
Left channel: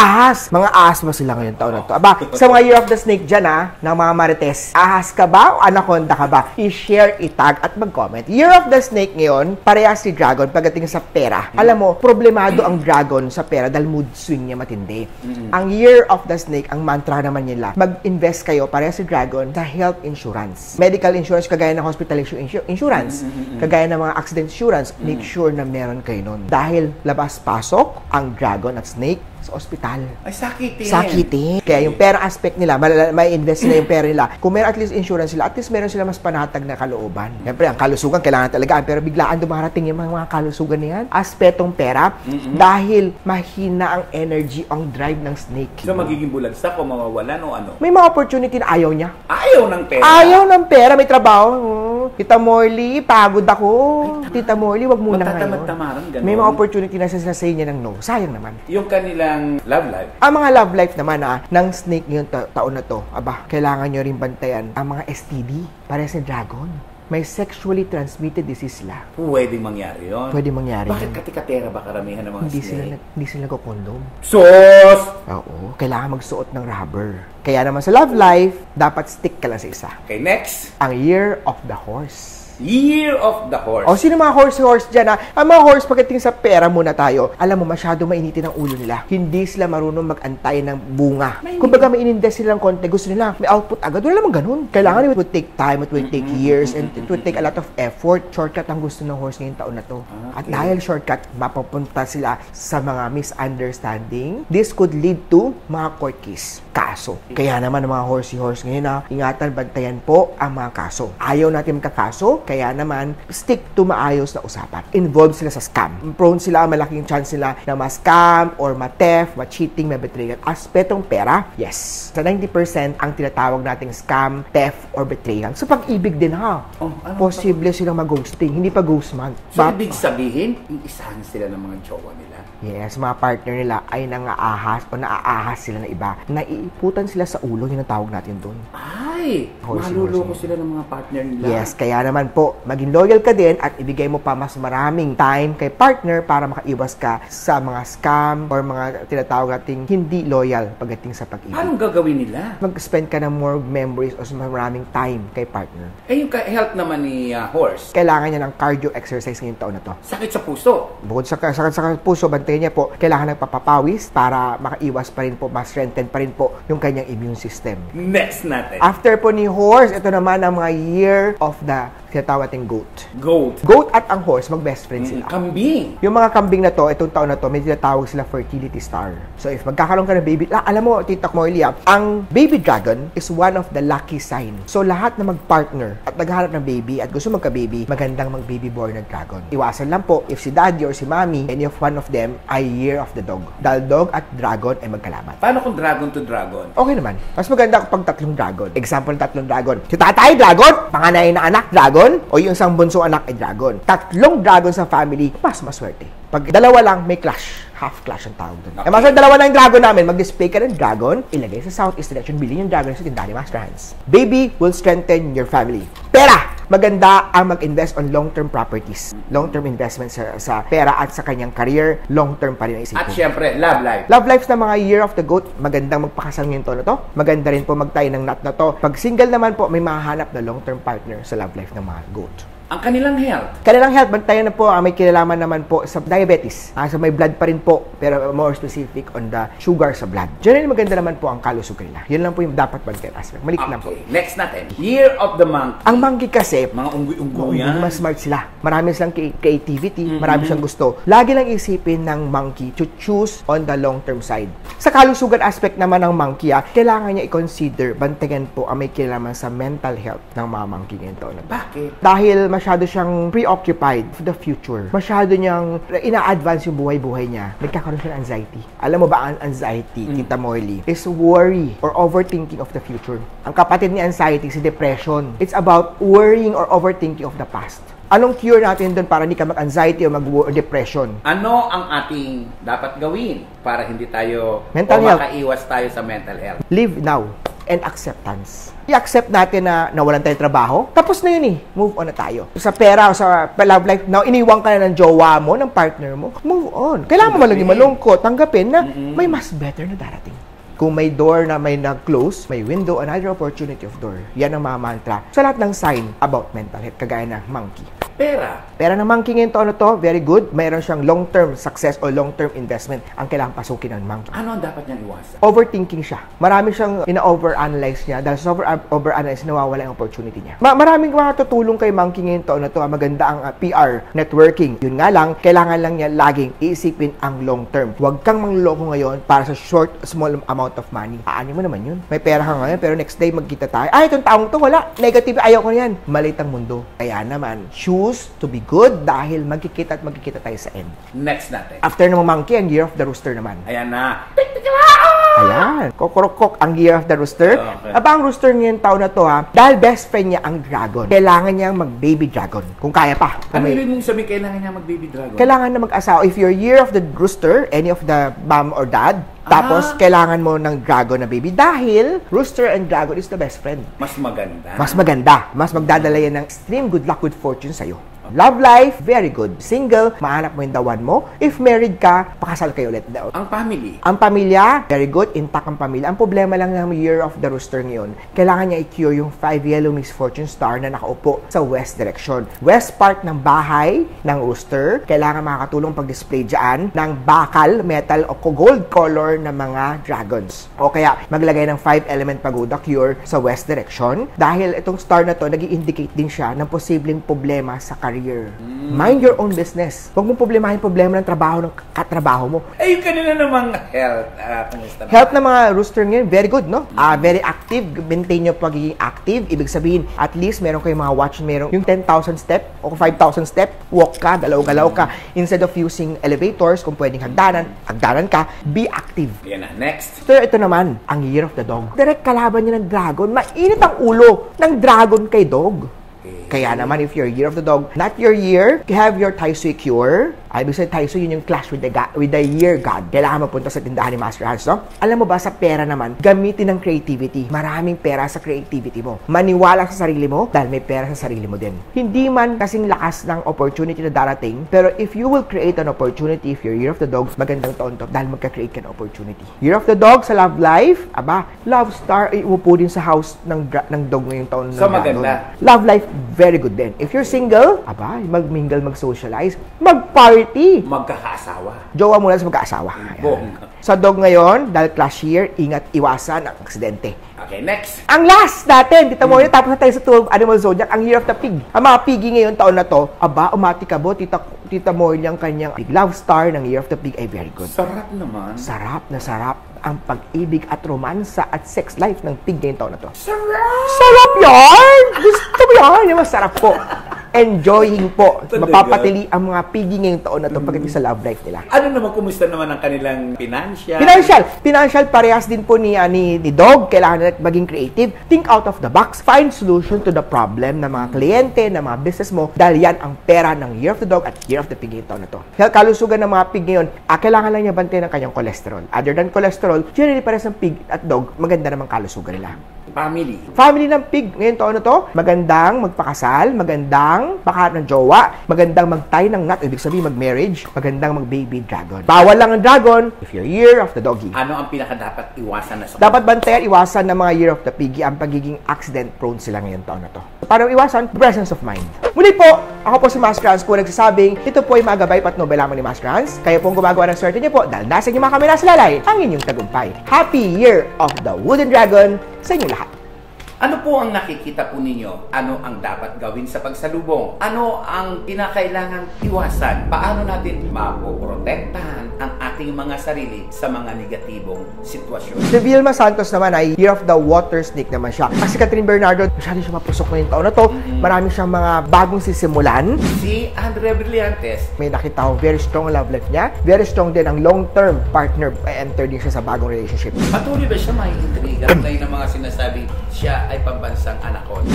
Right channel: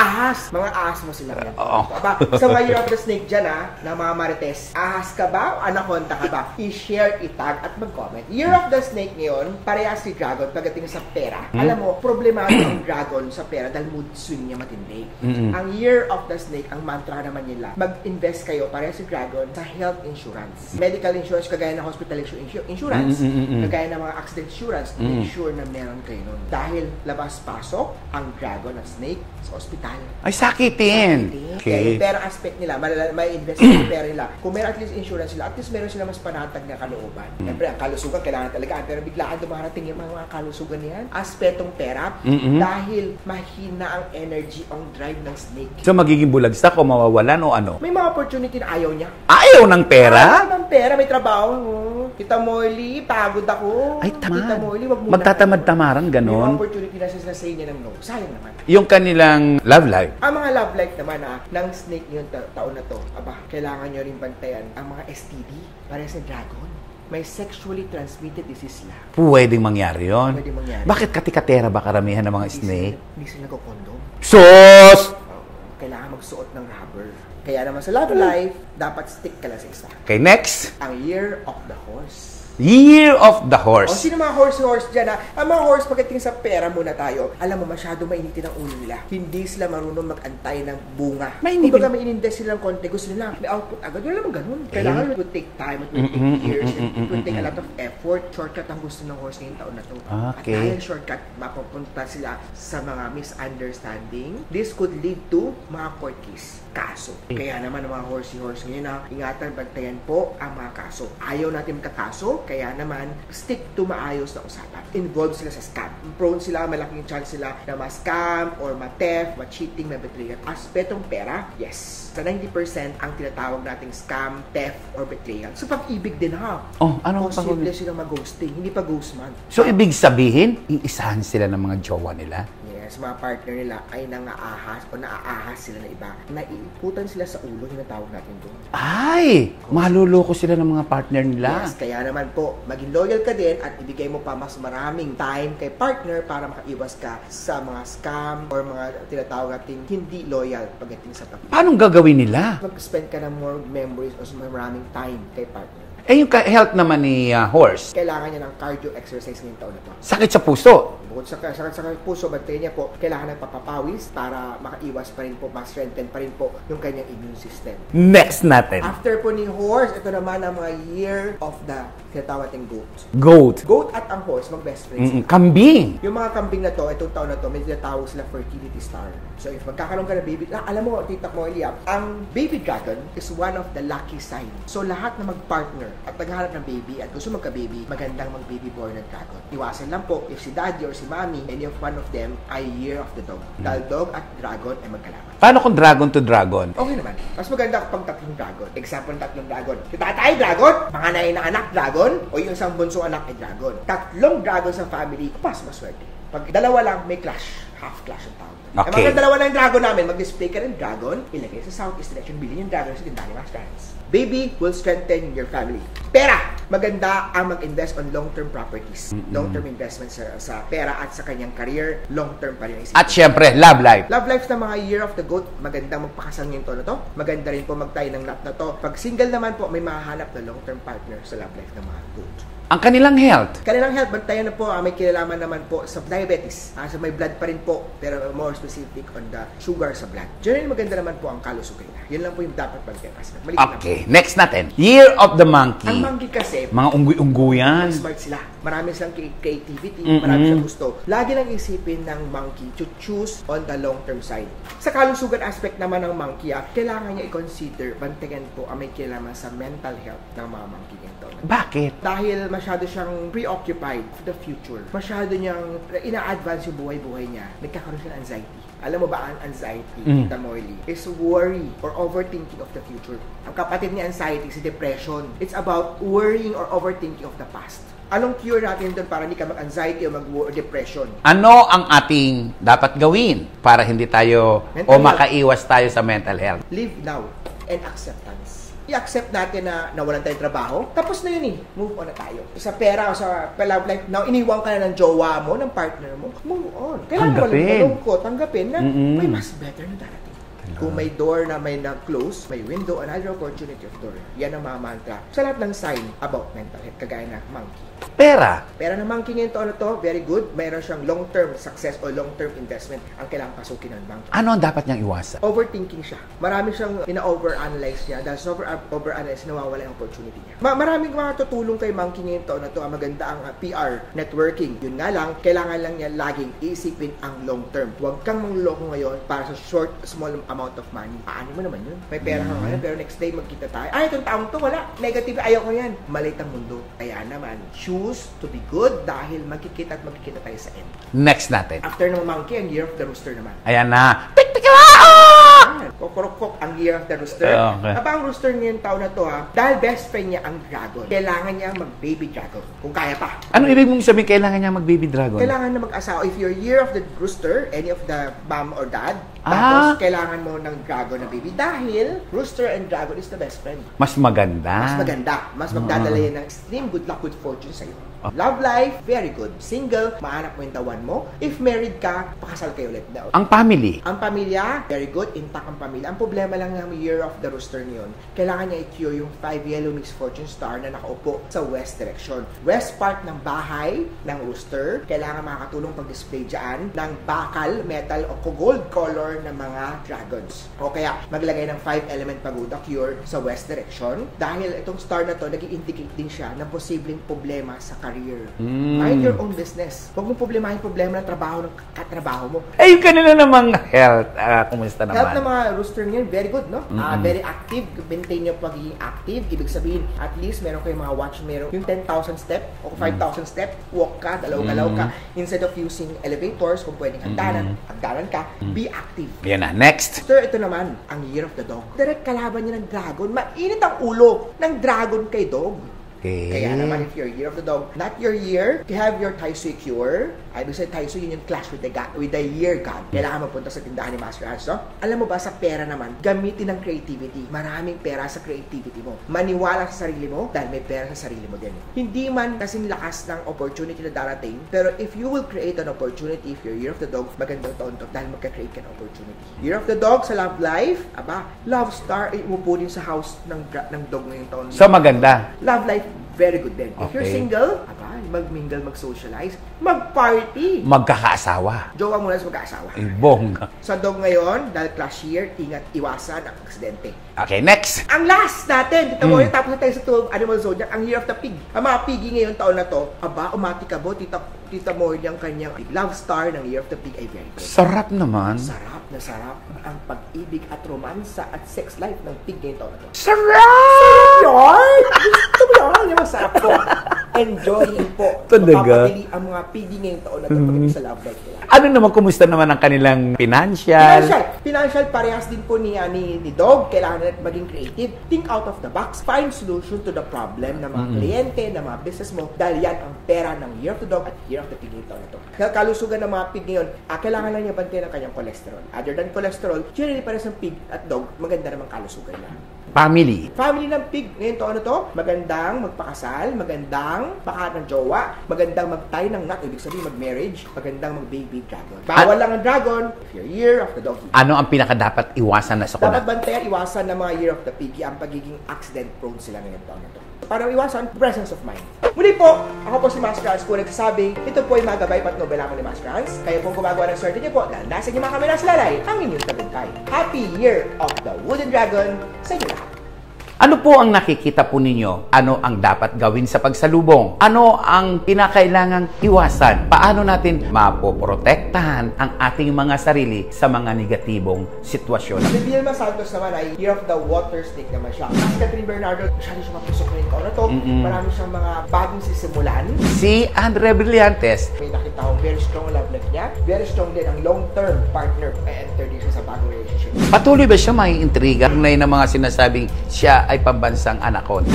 ahas ba sila ngayong taon na to? Aba, sa mga Year of the Snake dyan ng mga marites, ahas ka ba o anaconda ka ba? I-share, itag at mag-comment. Year of the Snake ngayon, parehas si dragon pagdating sa pera. Alam mo, problemado ang dragon sa pera dahil mood swing niya matindi. Ang Year of the Snake, ang mantra naman nila, mag-invest kayo, parehas si dragon, sa health insurance. Medical insurance, kagaya ng hospitalization insurance, kagaya ng mga accident insurance, make sure na meron kayo nun. Dahil labas-pasok ang dragon at snake sa ospital. Ay, sakitin. Sakitin. Okay. Kaya yung pera aspect nila, may invest na yung pera nila. Kung meron at least insurance sila, at least meron sila mas panatag na kalooban. Siyempre, ang kalusugan kailangan talaga. Pero biglaan dumarating yung mga kalusugan na yan. Aspetong pera, dahil mahina ang energy, ang drive ng snake. So, magiging bulagsak o mawawalan o ano? May mga opportunity na ayaw niya. Ayaw ng pera? Ayaw ng pera, may trabaho. Tita Morley, pagod ako. Ay, tamad. Tita Morley, wag muna. Magtatamad-tamaran, ganon. May mga opportunity na siya sa niya ng no. Sayang naman. Yung kanilang love life. Ang mga love life naman ng snake ngayong taon na to, aba, kailangan nyo rin bantayan ang mga STD para sa dragon. May sexually transmitted disease sila. Pwedeng mangyari yun. Pwede mangyari. Bakit katikatera ba karamihan ng mga snake? Hindi sila nagko-condom. Sos! Oo, kailangan magsuot ng rubber. Kaya naman sa love life, dapat stick ka lang sa isa. Okay, next. Ang Year of the Horse. Year of the Horse. O, sino mga horse dyan Ang mga horse, pagdating sa pera muna tayo, alam mo, masyado mainitin ang ulo nila. Hindi sila marunong mag-antay ng bunga. Kung baga may in-invest silang konti, gusto nila, may output agad. Wala naman ganun. Kailangan it would take time, it would take years, and it would take a lot of effort. Shortcut ang gusto ng horse ngayong taon na to. At Okay. dahil shortcut, mapapunta sila sa mga misunderstanding. This could lead to mga court case. Kaso. Kaya naman ang mga horse ngayon ingatan, bantayan po ang mga kaso. Ayaw natin magkakaso, kaya naman stick to maayos na usapan. Involved sila sa scam. Prone sila, malaking chance sila na ma-scam or ma-theft, ma-cheating, ma-betrayal. Aspetong pera, yes. Sa 90% ang tinatawag nating scam, theft, or betrayal. Sa pag-ibig din Oh, ano posible silang mag-ghosting, hindi pa ghost month. So, ibig sabihin, iisahan sila ng mga jowa nila? Yes, mga partner nila ay nangaahas o naaahas sila na iba. Naiiputan sila sa ulo, yung natawag natin doon. Ay! Maluloko sila ng mga partner nila. Yes, kaya naman po, maging loyal ka din at ibigay mo pa mas maraming time kay partner para makaiwas ka sa mga scam or mga tinatawag nating hindi loyal pagdating sa pag-ibig. Anong gagawin nila? Mag-spend ka ng more memories o mas maraming time kay partner. Eh, yung health naman ni horse, Kailangan niya ng cardio exercise ngayong taon na to. sakit sa puso. Bukod sa puso, bantayan niya po, kailangan ng papapawis para makaiwas pa rin po, ma-strengthen pa rin po yung kanyang immune system. Next natin. After po ni horse, ito naman ang mga year of the tinatawag nating goat. Goat. Goat at ang horse, mag-best friends sila. Kambing. Yung mga kambing na to, itong taon na to, may tinatawag sila fertility star. So if magkakaroon ka ng baby, alam mo, Tita Morley, ang baby dragon is one of the lucky sign. So lahat na mag-partner at naghahanap ng baby at gusto magka-baby, magandang mag-baby born na dragon. Iwasan lang po, if si daddy or si mommy, any of one of them ay year of the dog. Dahil dog at dragon ay magkalaman. Paano kung dragon to dragon? Okay naman. Mas maganda kapag tatlong dragon. Example, tatlong dragon. Si tatay, dragon. Panganay na anak, dragon. O yung isang bunso anak ay dragon. Tatlong dragon sa family, mas maswerte. Pag dalawa lang, may clash. Half clash ang tawag doon. Okay. Eh, mga dalawa lang yung dragon namin, mag-display ka ng dragon, ilagay sa southeast direction, bilhin yung dragon sa tindahan ni Master Hans. Baby will strengthen your family. Pera! Maganda ang mag-invest on long-term properties. Long-term investment sa pera at sa kanyang career, long-term pa rin ang isipin. At syempre, love life. Love lives na mga year of the goat, magandang magpakasal ngayon to na to. Maganda rin po magtayo ng nut na to. Pag single naman po, may mahanap na long-term partner sa love life ng mga goat. Ang kanilang health. Kanilang health, bantayan na po, may kinalaman naman po sa diabetes. So may blood pa rin po, pero more specific on the sugar sa blood. Generally, maganda naman po ang kalusugan nila. Yun lang po yung dapat bantayan. Malik na po. Okay, next natin. Year of the monkey. Ang monkey kasi, Mga unggoy-unggoy yan. mas smart sila. Marami silang creativity, marami silang gusto. Lagi lang isipin ng monkey to choose on the long-term side. Sa kalusugan aspect naman ng monkey, kailangan niya i-consider, bantayan po ang may kinalaman sa mental health ng mga monkey ngayon taon. Bakit? Dahil masyado siyang preoccupied for the future. Masyado niyang ina-advance yung buhay-buhay niya. Nagkakaroon siya ng anxiety. Alam mo ba ang anxiety, Tita Morley, is worry or overthinking of the future. Ang kapatid ni anxiety, si depression. It's about worrying or overthinking of the past. Anong cure natin doon para hindi ka mag-anxiety o mag-depression? Ano ang ating dapat gawin para hindi tayo Mental health. makaiwas tayo sa mental health? Live now and acceptance. I-accept natin na nawalan tayo trabaho. Tapos na yun eh. Move on na tayo. Sa pera o sa love life, now iniwan ka na ng jowa mo, ng partner mo, move on. Kailangan mo Tanggapin. malaging malungkot. Tanggapin na may mas better na darating. Kung may door na may na-close, may window, another opportunity of door. Yan ang mga mantra sa lahat ng sign about mental health, kagaya na monkey. Pera. Pera ng monkey ngayon taon na to, very good. Mayroon siyang long-term success o long-term investment ang kailangan pasukin ng monkey. Ano ang dapat niyang iwasan? Overthinking siya. Marami siyang ina-overanalyze niya. Dahil sa overanalyze, nawawala yung opportunity niya. Maraming makatutulong kay monkey ngayon taon na to. Maganda ang PR, networking. Yun nga lang, kailangan lang niya laging iisipin ang long-term. Huwag kang mangloko ngayon para sa short, small amount of money. Aani mo naman yun. May pera ka ngayon, pero next day magkita tayo. Ay, itong taong to, wala. Negative, ayaw ko yan. Malit ang mundo. Kaya naman, choose to be good dahil magkikita at magkikita tayo sa end. Next natin. After ng monkey, ang year of the rooster naman. Ayan na. Ayan. Kokorokok ang year of the rooster. Okay. Aba, ang rooster ngayon taon na to ha, dahil best friend niya ang dragon. Kailangan niya mag-baby dragon. Kung kaya pa. Ano ibig mong sabihin kailangan niya mag-baby dragon? Kailangan na mag-asawa. If you're year of the rooster, any of the mom or dad, tapos kailangan mo ng dragon na baby dahil rooster and dragon is the best friend. Mas maganda. Mas maganda. Mas magdadala yan ng extreme good luck, good fortune sa'yo. Love life, very good. Single, mahanap mo yung the one mo. If married ka, pakasal kayo ulit. Ang family. Ang pamilya, very good. Intact ang pamilya. Ang problema lang ng year of the rooster ngayon, kailangan niya i-cure yung 5 yellow misfortune star na nakaupo sa west direction. West part ng bahay ng rooster, kailangan makakatulong pag-display dyan ng bakal, metal o gold color ng mga dragons. O kaya, maglagay ng 5 element pagoda cure sa west direction dahil itong star na to, nag-i-indicate din siya ng posibleng problema sa career. Mind your own business. Huwag mong problemahin problema ng trabaho ng katrabaho mo. Eh, yung kanina namang health. Kumusta naman? Health ng mga rooster ngayon, very good, no? Very active. Maintain yung pagiging active. Ibig sabihin, at least meron kayong mga watch, meron yung 10,000 step o 5,000 step, walk ka, galaw-galaw ka. Instead of using elevators, kung pwedeng hagdanan ka, be active. Yan na. Next. Sir, ito naman, ang year of the dog. Direct kalaban niya ng dragon. Mainit ang ulo ng dragon kay dog. Okay. Kaya naman, if you're year of the dog, not your year, you have your Taisui cure. Ibig sabihin, Taisui, yun yung clash with the year god. Kailangan mapunta sa tindahan ni Master Hans, no? Alam mo ba, sa pera naman, gamitin ng creativity. Maraming pera sa creativity mo. Maniwala sa sarili mo dahil may pera sa sarili mo din. Hindi man kasing lakas ng opportunity na darating, pero if you will create an opportunity, if you're year of the dog, magandang taon to dahil magka-create ka ng opportunity. Year of the dog sa love life, aba, love star, iupo din sa house ng dog ngayong taon. So, maganda. Love life, very good din. If you're single, aba, mag-mingle, mag-socialize, mag-party. Magkakaasawa. Jowa muna sa magkaasawa. Bongga. Sa dog ngayon, dahil clash year, ingat iwasan ang aksidente. Okay, next. Ang last natin, dito mo yun, tapos na tayo sa 12 animal zodiac, ang year of the pig. Ang mga pigi ngayon taon na to, aba, umatikabo, tita mo yung kanyang pig. Love star ng year of the pig ay very good. Sarap naman. Sarap na sarap ang pag-ibig at romansa at sex life ng pig ngayong taon na to. Sarap! Sarap yan! Gusto mo yan? Yung masarap po. Enjoying po. Talaga? Mapapatili ang mga pigi ngayong taon na to pagdating sa love life nila. Ano naman, kumusta naman ang kanilang financial? Financial, parehas din po ni Dog. Kailangan natin maging creative. Think out of the box. Find solution to the problem ng mga kliyente, ng mga business mo. Dahil yan ang pera ng Year of the Dog at Year of the Pig ngayong taon na to. Kaya kalusugan ng mga pig ngayon, kailangan lang niya bantayan ng kanyang cholesterol. Other than cholesterol, generally parehas ng pig at dog, maganda namang kalusugan nila. Family. Family ng pig ngayong taon na to, magandang magpakasal, magandang makahanap ng jowa, magandang magtay ng nut, ibig sabihin mag-marriage, magandang mag-baby dragon. Bawal lang ang dragon if you're year of the doggy. Ano ang pinaka-dapat iwasan na sa Dapat bantayan, iwasan ng mga year of the piggy ang pagiging accident-prone sila ngayong taon na to. Paano iwasan? Presence of mind. Muli po, ako po si Master Hans po nagsasabing, ito po ay mga gabay at nobela mo ni Master Hans. Kayo pong gumagawa ng swerte niyo po dahil nasa inyong mga kamera sa lalay ang inyong tagumpay. Happy Year of the Wooden Dragon sa inyo lahat. Ano po ang nakikita po ninyo? Ano ang dapat gawin sa pagsalubong? Ano ang pinakailangang iwasan? Paano natin mapoprotektahan ang ating mga sarili sa mga negatibong sitwasyon? Si Vilma Santos naman ay Year of the Water Snake naman siya. Kasi Catherine Bernardo, masyado siya mapusok ngayong taon na to. Marami siyang mga bagong sisimulan. Si Andre Brillantes, May nakita ko very strong love life niya. Very strong din ang long-term partner. Enter din siya sa bagong relationship. patuloy ba siya may intriga? Ngayon ng mga sinasabing siya ay pambansang anaconda.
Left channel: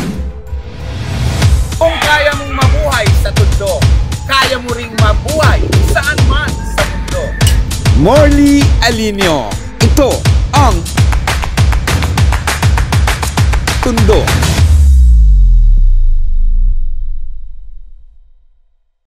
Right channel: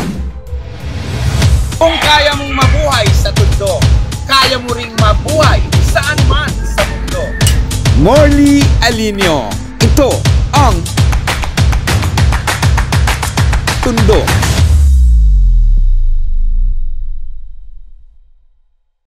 Kung kaya mong mabuhay sa Tondo, kaya mo ring mabuhay saan man sa mundo. Morley Alinio. Ito ang Tondo.